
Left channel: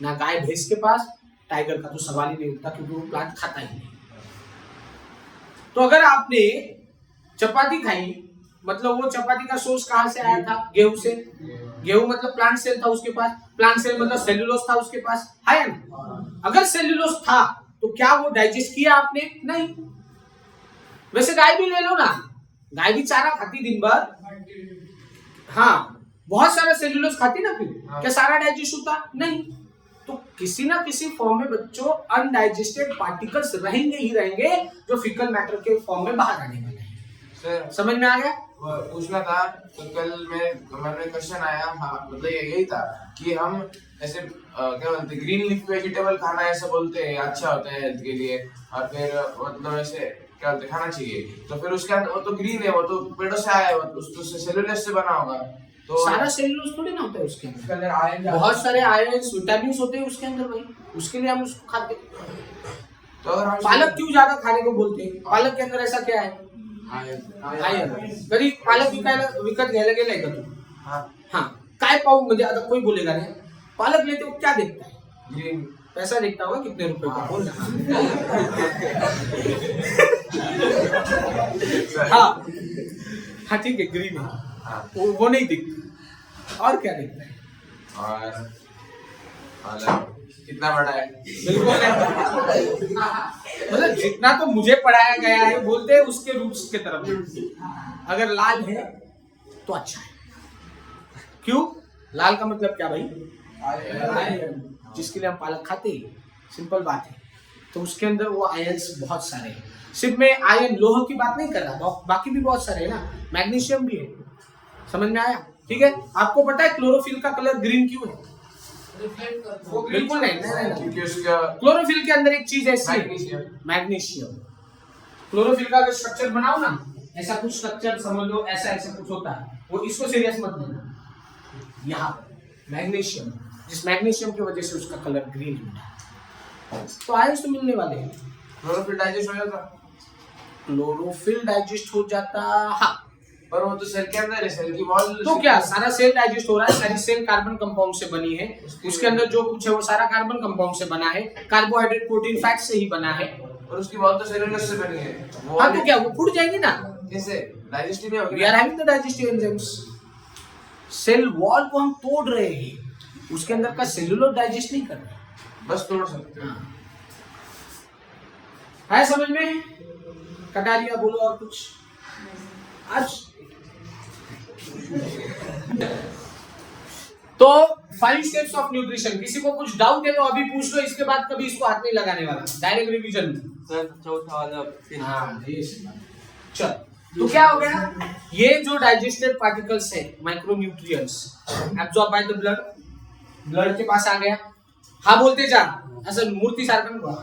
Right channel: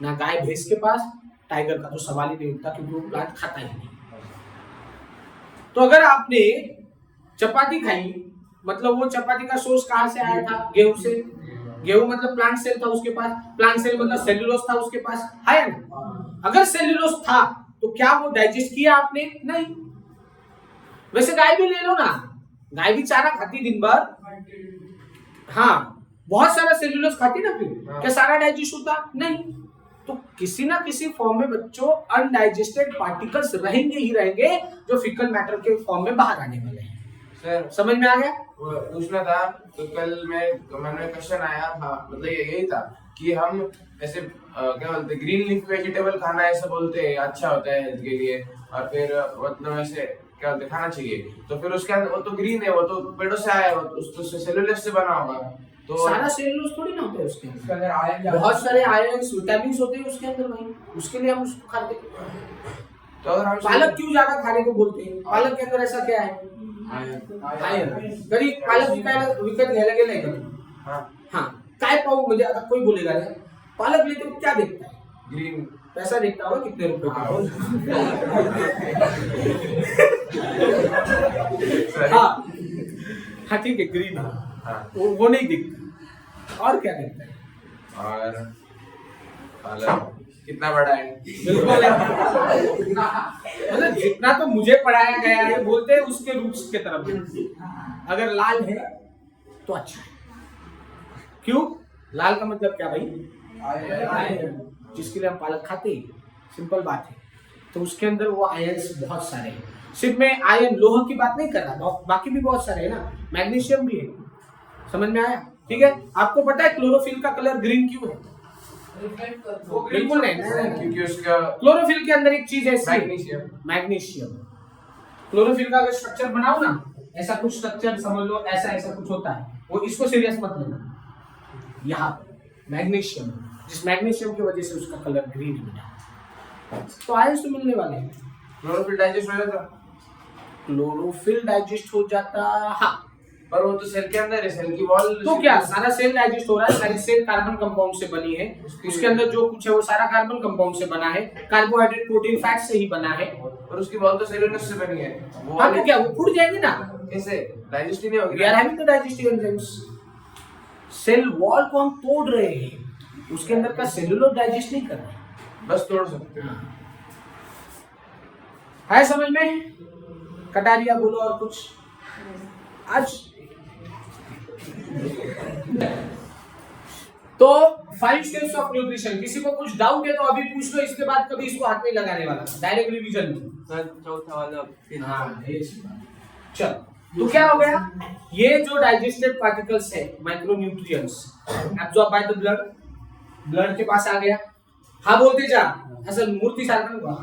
ना गाय भैंस के पास, टाइगर का तो सवाल ही नहीं उठता क्योंकि वो प्लांट खाता ही नहीं। तो अगर आपने चपाती खाई, मतलब वो चपाती का सोर्स कहां से आया था? गेहूं से। गेहूं मतलब प्लांट सेल था उसके पास, प्लांट सेल मतलब सेल्यूलोज था उसके पास, है ना? अगर सेल्यूलोज था तो क्या वो डाइजेस्ट किया आपने? नहीं। वैसे गाय भी ले लो ना, गाय भी चारा खाती दिन भर, हाँ बहुत सारा सेल्यूलोज खाती ना, फिर क्या सारा डाइजेस्ट होता? नहीं। तो किसी ना किसी फॉर्म में बच्चों अनडाइजेस्टेड पार्टिकल्स रहेंगे ही रहेंगे, जो फिकल मैटर के फॉर्म में बाहर आने वाले हैं। सर समझ में आ गया? पूछना था तो कल मैंने क्वेश्चन आया, हाँ मतलब यही था कि हम ऐसे क्या बोलते ग्रीन लीफ वेजिटेबल खाना ऐसा बोलते हैं अच्छा होता है हेल्थ के लिए, और फिर मतलब ऐसे क्या बोलते खाना चाहिए, तो फिर उसके अंदर वो तो ग्रीन है, वो तो पेड़ों से आया है, उसको सेलुलोज से बना होगा, तो सारा सेल्यूलोज थोड़ी ना होता है उसके अंदर, अंदर आयरन बहुत सारे आयरन विटामिन होते हैं उसके अंदर भाई, उसके लिए हम उसको खाते हैं। तो अगर हम पालक क्यों ज्यादा खाने को बोलते हैं? पालक के अंदर ऐसा क्या है? आयरन। कधी पालक विकत घ्यायला गेलाय का तू? हाँ, काय पाहू म्हणजे आता कोई बोलेगा रे, पालक लेते हो क्या देखता है? ग्रीन पैसा देखता होगा कितने रुपए का हो। हाँ हाँ ठीक है, ग्रीन है, वो नहीं दिखता, और क्या दिखता है? और पालक कितना बड़ा है? बिल्कुल नहीं, मतलब जितना तो मुझे पढ़ाया गया है बोलते हैं उसके रूट्स के तरफ। अगर लाल है तो अच्छा है, क्यों? लाल का मतलब क्या भाई? आयरन, जिसके लिए हम पालक खाते हैं, सिंपल बात है। तो उसके अंदर वो आयन्स बहुत सारे हैं, सिर्फ मैं आयरन लोह की बात नहीं कर रहा, बाकी भी बहुत सारे है ना, मैग्नीशियम भी है। समझ में आया? ठीक है। आपको पता है क्लोरोफिल का कलर ग्रीन क्यों है? बिल्कुल नहीं, क्योंकि उसका क्लोरोफिल के अंदर एक चीज ऐसी है, मैग्नीशियम। मैग्नीशियम। क्लोरोफिल का अगर स्ट्रक्चर बनाओ ना, ऐसा कुछ स्ट्रक्चर समझ लो, ऐसा ऐसा कुछ होता है, वो इसको सीरियस मत लेना। यहाँ मैग्नीशियम जिस मैग्नीशियम की वजह से उसका कलर ग्रीन मिला। तो आयंस तो मिलने वाले हैं। क्लोरोफिल डाइजेस्ट हो जाता, क्लोरोफिल डाइजेस्ट हो जाता, हाँ। पर वो तो सेल के अंदर है, सेल की वॉल। तो क्या सारा सेल डाइजेस्ट हो रहा है? सारी सेल कार्बन कंपाउंड से बनी है, उसके अंदर जो कुछ है वो सारा कार्बन कंपाउंड से बना है, कार्बोहाइड्रेट प्रोटीन फैट से ही बना है। और उसकी वॉल तो सेलुलोज से बनी है। वो हाँ तो क्या वो फूट जाएगी ना? कैसे डाइजेस्ट ही नहीं होगी? We are having the digestive enzymes. Cell wall को हम तोड़ रहे हैं, उसके अंदर का सेलुलोज डाइजेस्ट नहीं कर रहे, बस तोड़ सकते हैं। है समझ में? कटारिया बोलो और कुछ आज। तो 5 स्टेप्स ऑफ न्यूट्रिशन। किसी को कुछ डाउट है तो अभी पूछ लो, इसके बाद कभी इसको हाथ नहीं लगाने वाला, डायरेक्ट रिवीजन। सर चौथा वाला फिर हाँ चल, तो क्या हो गया? ये जो डाइजेस्टेड पार्टिकल्स है, micronutrients absorb by the blood, blood के पास आ गया। हाँ बोलते जा, ऐसा मूर्ति सारखा हुआ,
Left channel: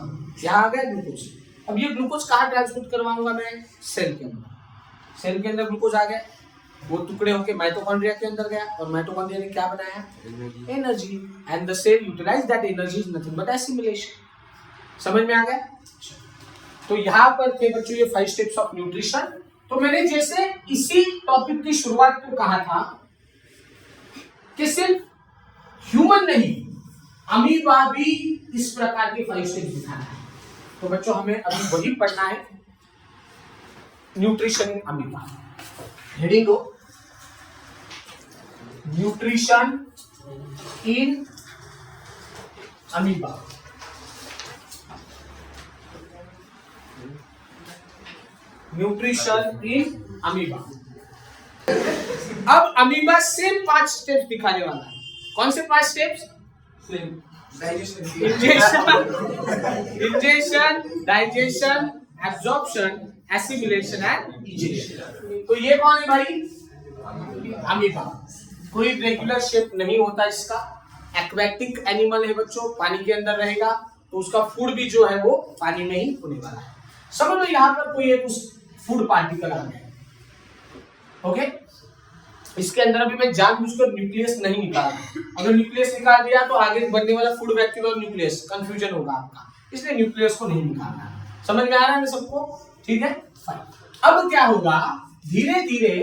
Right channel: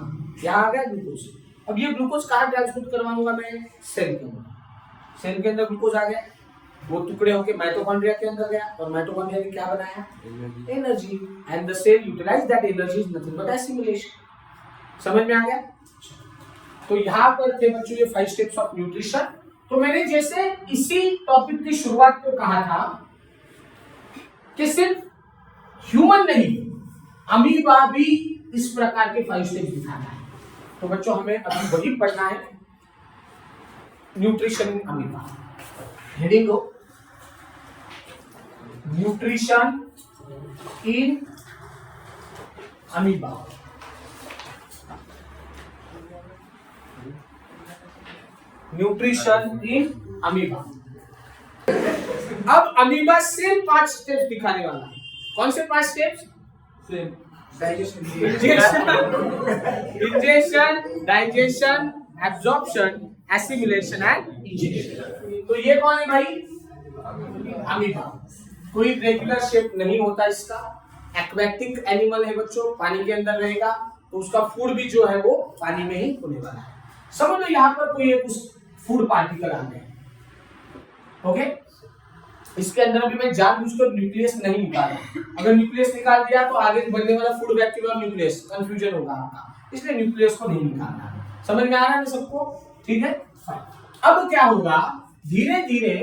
यहाँ आ गया ग्लूकोज। अब ये ग्लूकोज कहाँ ट्रांसपोर्ट करवाऊंगा मैं? सेल के अंदर। सेल के अंदर ग्लूकोज आ गया, वो टुकड़े होके माइटोकॉन्ड्रिया के अंदर गया, और माइटोकॉन्ड्रिया ने क्या बनाया? Energy. And the cell utilize that energy is nothing but assimilation. समझ में आ गया? तो यहाँ पर थे बच्चों ये 5 स्टेप्स ऑफ न्यूट्रिशन। तो मैंने जैसे इसी टॉपिक की शुरुआत को कहा था कि सिर्फ ह्यूमन नहीं, अमीबा भी इस प्रकार के 5 स्टेप्स दिखाता है। तो बच्चों हमें अभी वही पढ़ना है, न्यूट्रिशन इन अमीबा। हेडिंग हो nutrition in amoeba. Nutrition in amoeba. अब अमीबा सेम 5 स्टेप्स दिखाने वाला है। कौन से 5 steps? Same digestion, ingestion, digestion, absorption, assimilation and ejection. तो ये कौन है भाई? अमीबा। कोई रेगुलर शेप नहीं होता इसका, एक्वेटिक एनिमल है बच्चों, पानी के अंदर रहेगा, तो उसका फूड भी जो है वो पानी में ही होने वाला है। समझ लो यहाँ पर कोई एक फूड पार्टिकल आ गया, ओके। इसके अंदर अभी मैं जानबूझकर न्यूक्लियस नहीं निकाला, अगर न्यूक्लियस निकाल दिया तो आगे बनने वाला फूड वैक्यूल और न्यूक्लियस कंफ्यूजन होगा आपका, इसलिए न्यूक्लियस को नहीं निकालना। समझ में आ रहा है सबको? ठीक है, फाइन। अब क्या होगा, धीरे धीरे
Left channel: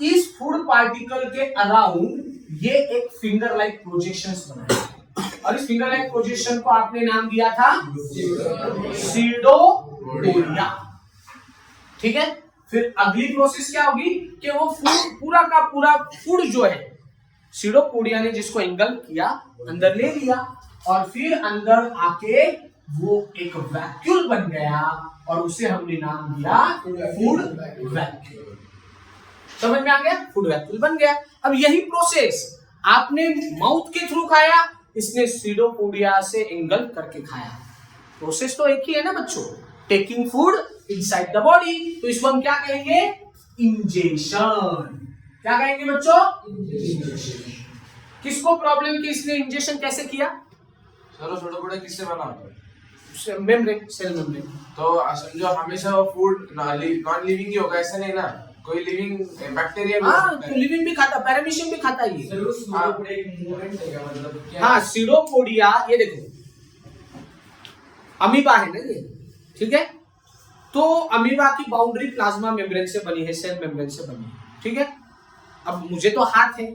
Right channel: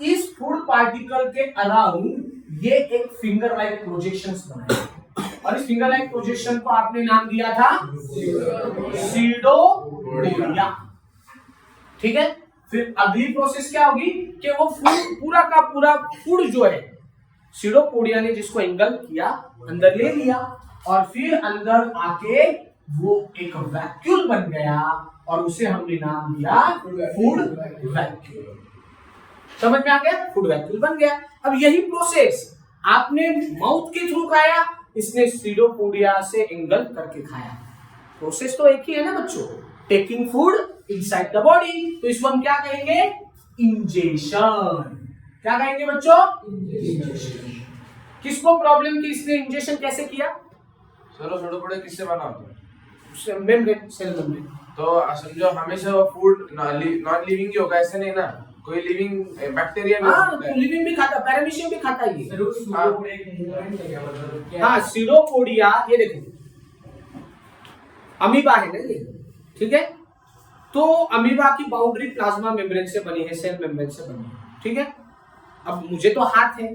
इस फूड पार्टिकल के अराउंड ये एक फिंगर लाइक प्रोजेक्शंस बनाएगा, और इस फिंगर लाइक प्रोजेक्शन को आपने नाम दिया था सीडोपोडिया। ठीक है, फिर अगली प्रोसेस क्या होगी कि वो फूड पूरा का पूरा फूड जो है सीडोपोडिया ने जिसको एंगल्फ किया, अंदर ले लिया, और फिर अंदर आके वो एक वैक्यूल बन गया, और उसे हमने नाम दिया फूड वैक्यूल। समझ में आ गया? फूड वैक्यूल बन गया। अब यही प्रोसेस आपने माउथ के थ्रू खाया, इसने सीडोपोडिया से एंगल्फ करके खाया। प्रोसेस तो एक ही है ना बच्चों, taking food inside the body. तो इसको हम क्या कहेंगे? इंजेशन। क्या कहेंगे बच्चों? इंजेशन। किसको प्रॉब्लम की इसने इंजेक्शन कैसे किया? सीडोपोडिया किससे बना होता है? Membrane, cell membrane. तो समझो हमेशा वो फूड नॉन लिविंग ही होगा, ऐसे नहीं ना, कोई लिविंग बैक्टीरिया भी हाँ, तो लिविंग भी खाता, पैरामीशियम भी खाता है ये। सर वो सीडोपोडिया एक मूवमेंट है क्या, मतलब क्या? हाँ, सीडोपोडिया ये देखो अमीबा है ना ये, ठीक है। तो अमीबा की बाउंड्री प्लाज्मा मेम्ब्रेन से बनी है, सेल मेम्ब्रेन से बनी है, ठीक है। अब मुझे तो हाथ है,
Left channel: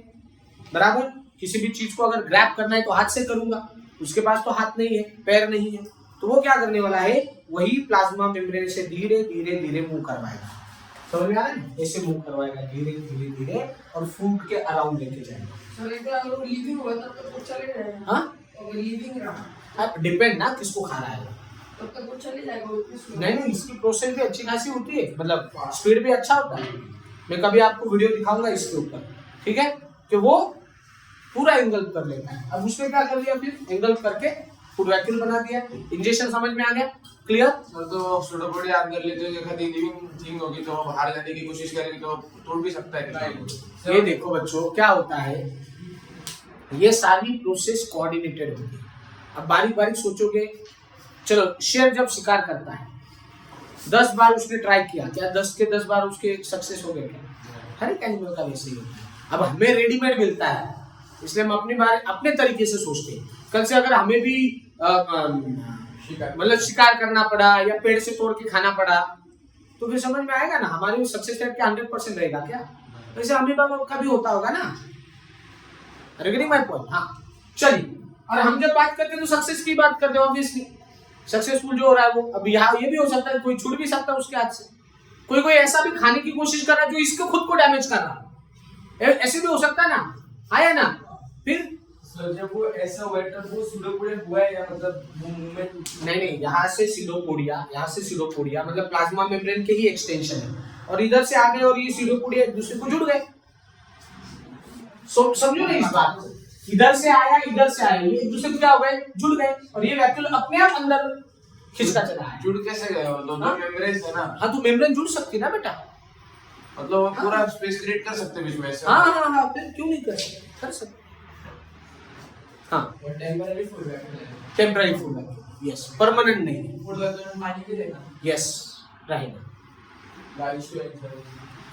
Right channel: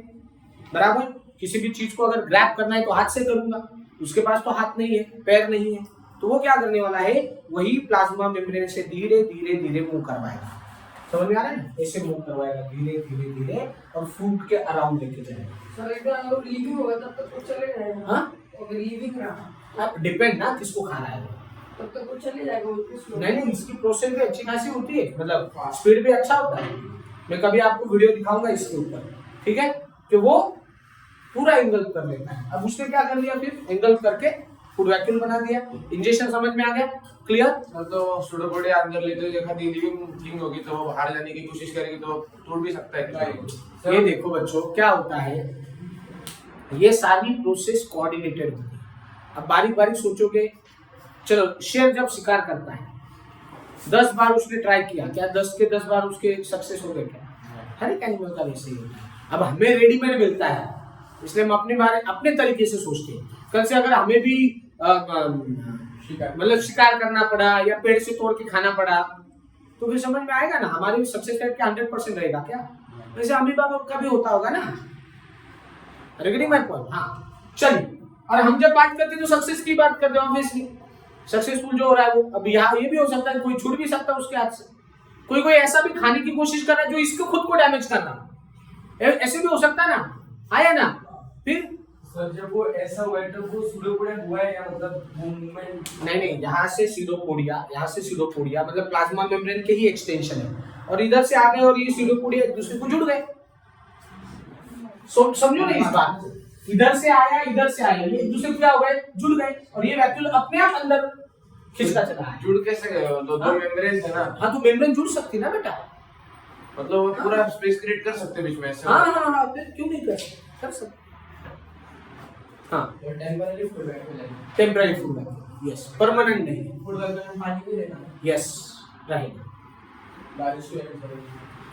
बराबर, किसी भी चीज को अगर ग्रैब करना है तो हाथ से करूंगा, उसके पास तो हाथ नहीं है, पैर नहीं है, तो वो क्या करने वाला है, वही प्लाज्मा मेम्ब्रेन से धीरे धीरे धीरे मूव करवाएगा। समझ में आ रहा है ना? ऐसे मूव करवाएगा धीरे धीरे धीरे, और फूड के अराउंड लेके जाएगा। सर एक बार अगर लीविंग होगा तब तक कुछ चले जाएगा। हाँ, अगर लीविंग रहा डिपेंड ना किसको खा रहा है वो। तब तक कुछ चले जाएगा, कुछ नहीं, इसकी प्रोसेस भी अच्छी खासी होती है, मतलब स्पीड भी अच्छा होता है। मैं कभी आपको वीडियो दिखाऊंगा इसके ऊपर, ठीक है, कि वो पूरा एंगल्फ कर लेता है। अब उसने क्या कर लिया, फिर एंगल्फ करके फूड वैक्यूल बना दिया। इंजेक्शन समझ में आ गया? क्लियर? तो सीडोपोडिया अंदर लेते हुए कभी लिविंग थिंग होगी तो बाहर जाने की कोशिश करेगी तो टूट भी सकता है। ये देखो बच्चों क्या होता है, ये सारी प्रोसेस कोऑर्डिनेटेड होती है। अब बारीक बारीक सोचोगे, चलो शेर जब शिकार करता है 10 बार उसने ट्राई किया, क्या 10 के 10 बार उसके सक्सेस हो गए? क्या हर एक एनिमल का वैसे ही होता है। अब हमें रेडीमेड मिलता है, इसलिए हम अपने तरीके से सोचते हैं। कल से अगर हमें भी मतलब शिकार करना पड़ा या पेड़ से तोड़ के खाना पड़ा तो फिर समझ में आएगा ना, हमारी सक्सेस रेट क्या 100% रहेगा क्या? वैसे अमीबा का भी होता होगा ना। Getting my point? हाँ चलिए, और हम जब बात करते हैं तो सक्सेस की बात करते हैं। ऑब्वियसली सक्सेसफुल जो हो रहा है वो, अब यहाँ ये भी हो सकता है कोई छूट भी सकता है उसके हाथ से, कोई ऐसा भी खाने की कोशिश कर रहा है जो इसको खुद को डैमेज कर रहा है, ऐसे भी हो सकता है ना, आया ना। फिर सर जब वो ऐसा हुआ है तब वो सूडोपोडिया हुआ है या मतलब मूवमेंट? नहीं, यहाँ से सीडोपोडिया मतलब प्लाज्मा मेम्ब्रेन के ही एक्सटेंशन है, और इधर से आ गए और ये सीडोपोडिया एक दूसरे को जुड़ गए। समझो ना इस बात को, इधर से आया ये एक दूसरे को क्या हो गए, जुड़ गए, और ये वैक्यूल अपने आप अंदर खिंचता चला है। जुड़ कैसे गए वो? दो मेम्ब्रेन थे ना। हाँ तो मेम्ब्रेन जुड़ सकती ना बेटा, मतलब वो पूरा स्पेस क्रिएट कर सकते बीच में से। हाँ फिर क्यों नहीं कर सकते। हाँ टेम्पररी फूड है, टेम्पररी फूड है, यस, परमानेंट नहीं, फूड का तो पानी भी देना, यस रहेगा। डाइजेस्टिव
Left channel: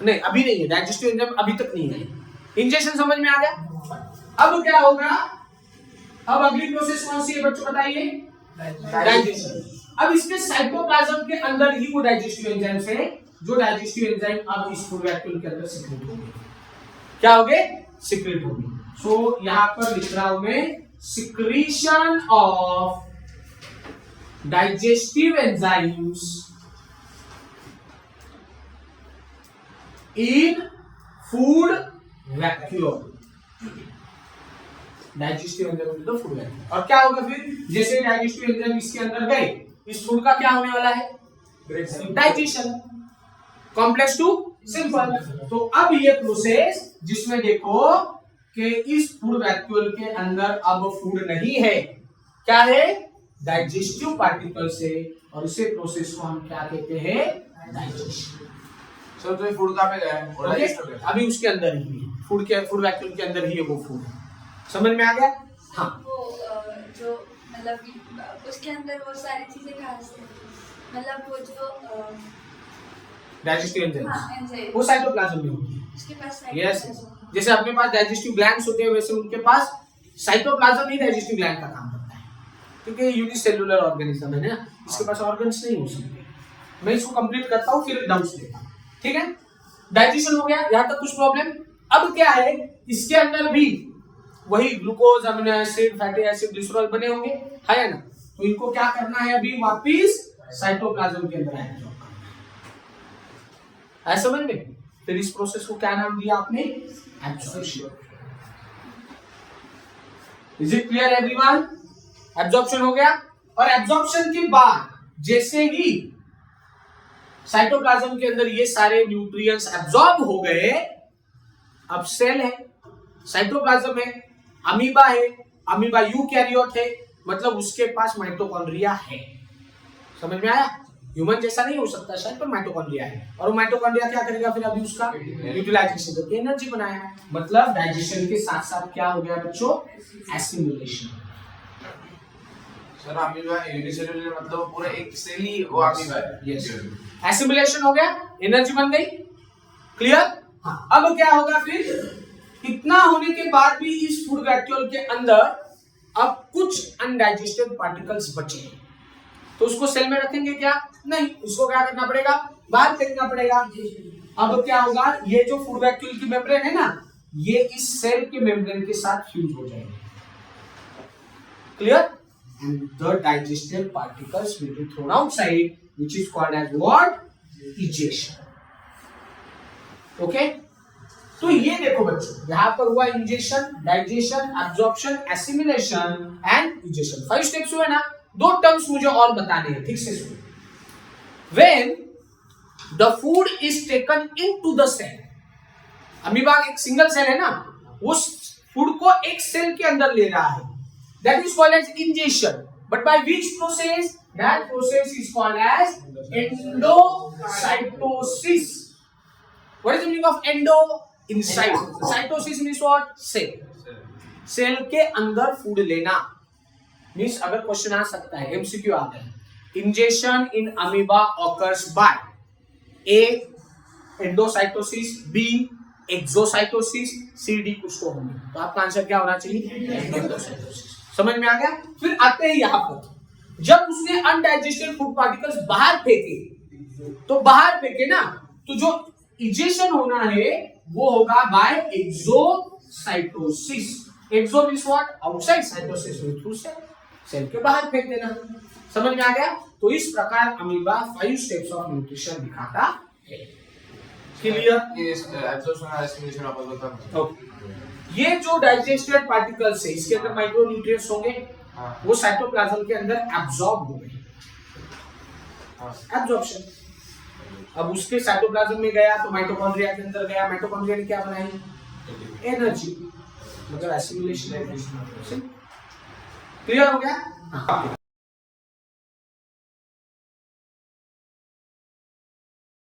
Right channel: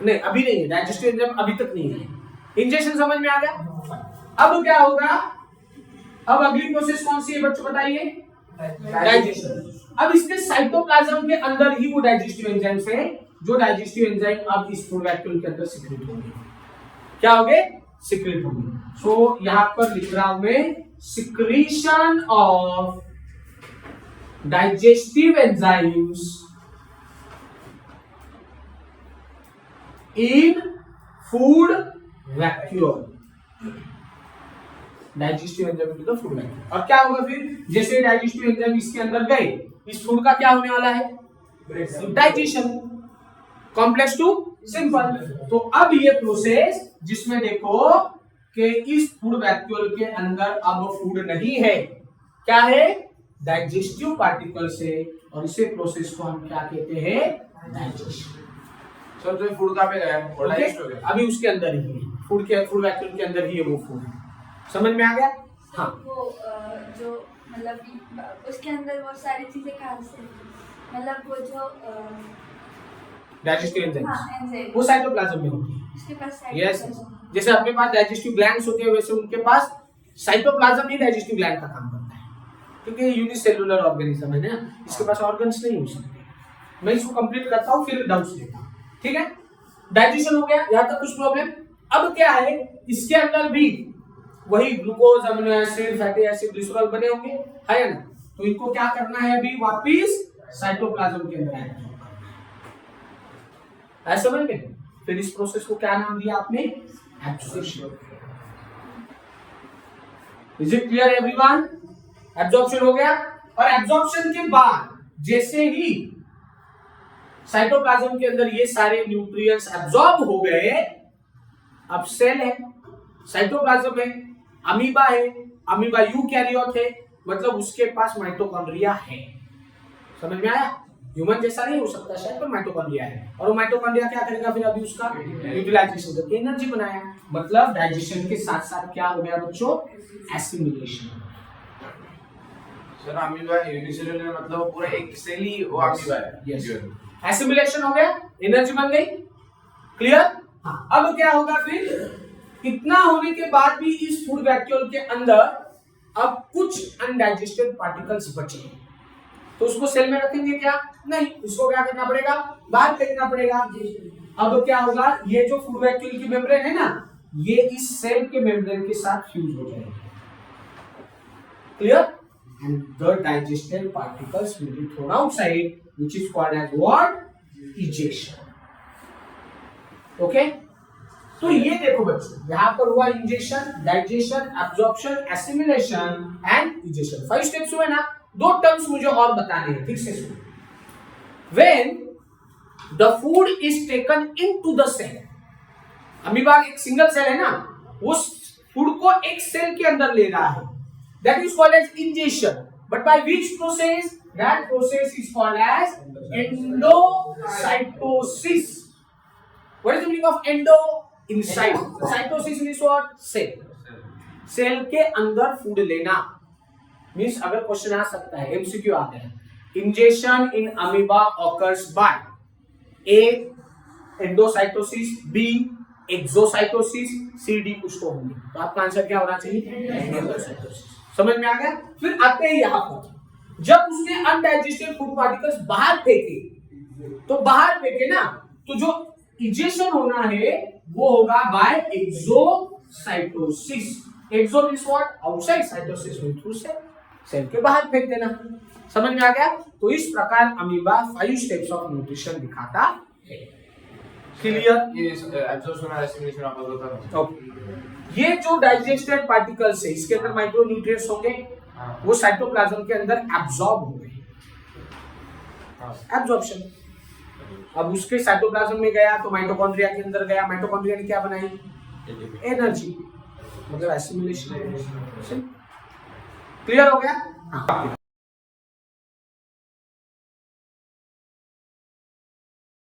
नहीं अभी नहीं है, डाइजेस्टिव एंजाइम अभी तक नहीं है। इंजेक्शन समझ में आ गया। अब क्या होगा, अब अगली प्रोसेस कौन सी है बच्चों बताइए? डाइजेशन। अब इसके साइटोप्लाज्म के अंदर ही वो डाइजेस्टिव एंजाइम से, जो डाइजेस्टिव एंजाइम अब इस फूड वैक्यूल के अंदर सिक्रेट होंगे। क्या होंगे? सिक्रेट होंगे। सो यहां पर लिख रहा हूं मैं, secretion of digestive enzymes in food vacuole. Digestive enzyme तो फूड वैक्यूल। और क्या होगा फिर, जैसे डाइजेस्टिव एंजाइम इसके अंदर गए, इस फूड का क्या होने वाला है? डाइजेशन। Complex to simple. तो अब ये प्रोसेस जिसमें देखो कि इस फूड वैक्यूल के अंदर अब फूड नहीं है, क्या है? डाइजेस्टिव पार्टिकल से, और इसे प्रोसेस को हम क्या कहते हैं? डाइजेशन। सर तो ये फूड कहाँ पे गया है? और डाइजेस्ट हो गया? अभी उसके अंदर ही है, फूड वैक्यूल के अंदर ही है वो फूड। समझ में आ गया? हाँ। वो जो मतलब उसके अंदर वो सारी चीजें कहाँ से, मतलब वो जो डाइजेस्टिव एंजाइम एंजाइम वो साइटोप्लाज्म में होती है। उसके पास यस, जैसे अपने पास डाइजेस्टिव ग्लैंड्स होते हैं वैसे उनके पास साइटोप्लाज्म ही डाइजेस्टिव ग्लैंड का काम करता है, क्योंकि यूनिसेल्युलर ऑर्गेनिज्म है ना, इसके पास ऑर्गन्स नहीं हो सकते। मैं इसको कंप्लीट करता हूँ फिर डाउट्स लेता हूँ, ठीक है? डाइजेशन हो गया, यहाँ तक कुछ प्रॉब्लम? अब क्या है, इसके अंदर भी वही glucose, amino acid, fatty acid, glycerol बने होंगे, है ना? तो इनको क्या करना है, अभी वापिस साइटोप्लाज्म के अंदर एब्जॉर्ब करना है। समझ में? फिर इस प्रोसेस को क्या नाम दिया आपने? Absorption. Is it clear everyone? Absorption हो गया, और एब्जॉर्प्शन के बाद जैसे ही साइटोप्लाज्म के अंदर ये सारे न्यूट्रिएंट्स एब्जॉर्ब हो गए, अब सेल है, साइटोप्लाज्म है, अमीबा है, अमीबा यूकैरियोट है, मतलब उसके पास माइटोकॉन्ड्रिया है। समझ में आया? ह्यूमन जैसा नहीं हो सकता शायद, पर माइटोकॉन्ड्रिया है, और वो माइटोकॉन्ड्रिया क्या करेगा फिर? अभी उसका यूटिलाइजेशन करके एनर्जी बनाया, मतलब डाइजेशन के साथ साथ क्या हो गया बच्चों? एसिमिलेशन। सर अमीबा यूनिसेल्युलर मतलब वो पूरा एक सेल ही वो अमीबा है। यस, एसिमिलेशन हो गया, एनर्जी बन गई। क्लियर? हाँ। अब क्या होगा फिर? इतना होने के बाद भी इस फूड वैक्यूल के अंदर अब कुछ अनडाइजेस्टेड पार्टिकल्स बचे हैं, तो उसको सेल में रखेंगे क्या? नहीं, उसको क्या करना पड़ेगा? बाहर फेंकना पड़ेगा। अब क्या होगा, ये जो फूड वैक्यूल की मेम्ब्रेन है ना, ये इस सेल के मेम्ब्रेन के साथ फ्यूज हो जाएगी। Clear? And the digested particles will be thrown outside, which is called as what? Egestion. Okay, तो ये देखो बच्चों, यहां पर हुआ ingestion, digestion, absorption, assimilation and egestion. 5 steps हुए ना। 2 टर्म्स मुझे और बताने हैं, ठीक से सुनो। When the food is taken into the cell, amoeba एक सिंगल सेल है ना, उस फूड को एक सेल के अंदर ले रहा है, that is called as ingestion. But by which process? That process is called as endocytosis. What is the meaning of endo? Inside. Cytosis means what? Cell. Cell के अंदर फूड लेना मीन्स, अगर क्वेश्चन आ सकता है, एमसीक्यू आता है, ingestion in amoeba occurs by A endocytosis, B exocytosis, CD कुछ तो होंगे, तो आपका आंसर क्या होना चाहिए? एंडोसाइटोसिस। समझ में आ गया? फिर आते हैं यहाँ पर, जब उसने अनडाइजेस्टेड फूड पार्टिकल्स बाहर फेंके, तो बाहर फेंके ना, तो जो इजेशन होना है वो होगा by exocytosis. Exo means what? Outside, cytosis means through cell, cell के बाहर फेंक देना। समझ में आ गया? तो इस प्रकार अमीबा 5 स्टेप्स ऑफ न्यूट्रिशन दिखाता है। क्लियर? ये एब्जॉर्प्शन और एसिमिलेशन आप बता। ओके, ये जो डाइजेस्टेड पार्टिकल्स है इसके अंदर माइक्रो न्यूट्रिएंट्स होंगे, वो साइटोप्लाज्म के अंदर एब्जॉर्ब होंगे, एब्जॉर्प्शन। अब उसके साइटोप्लाज्म में गया तो माइटोकॉन्ड्रिया के अंदर गया, माइटोकॉन्ड्रिया ने क्या बनाई? एनर्जी, मतलब एसिमिलेशन। क्लियर हो गया?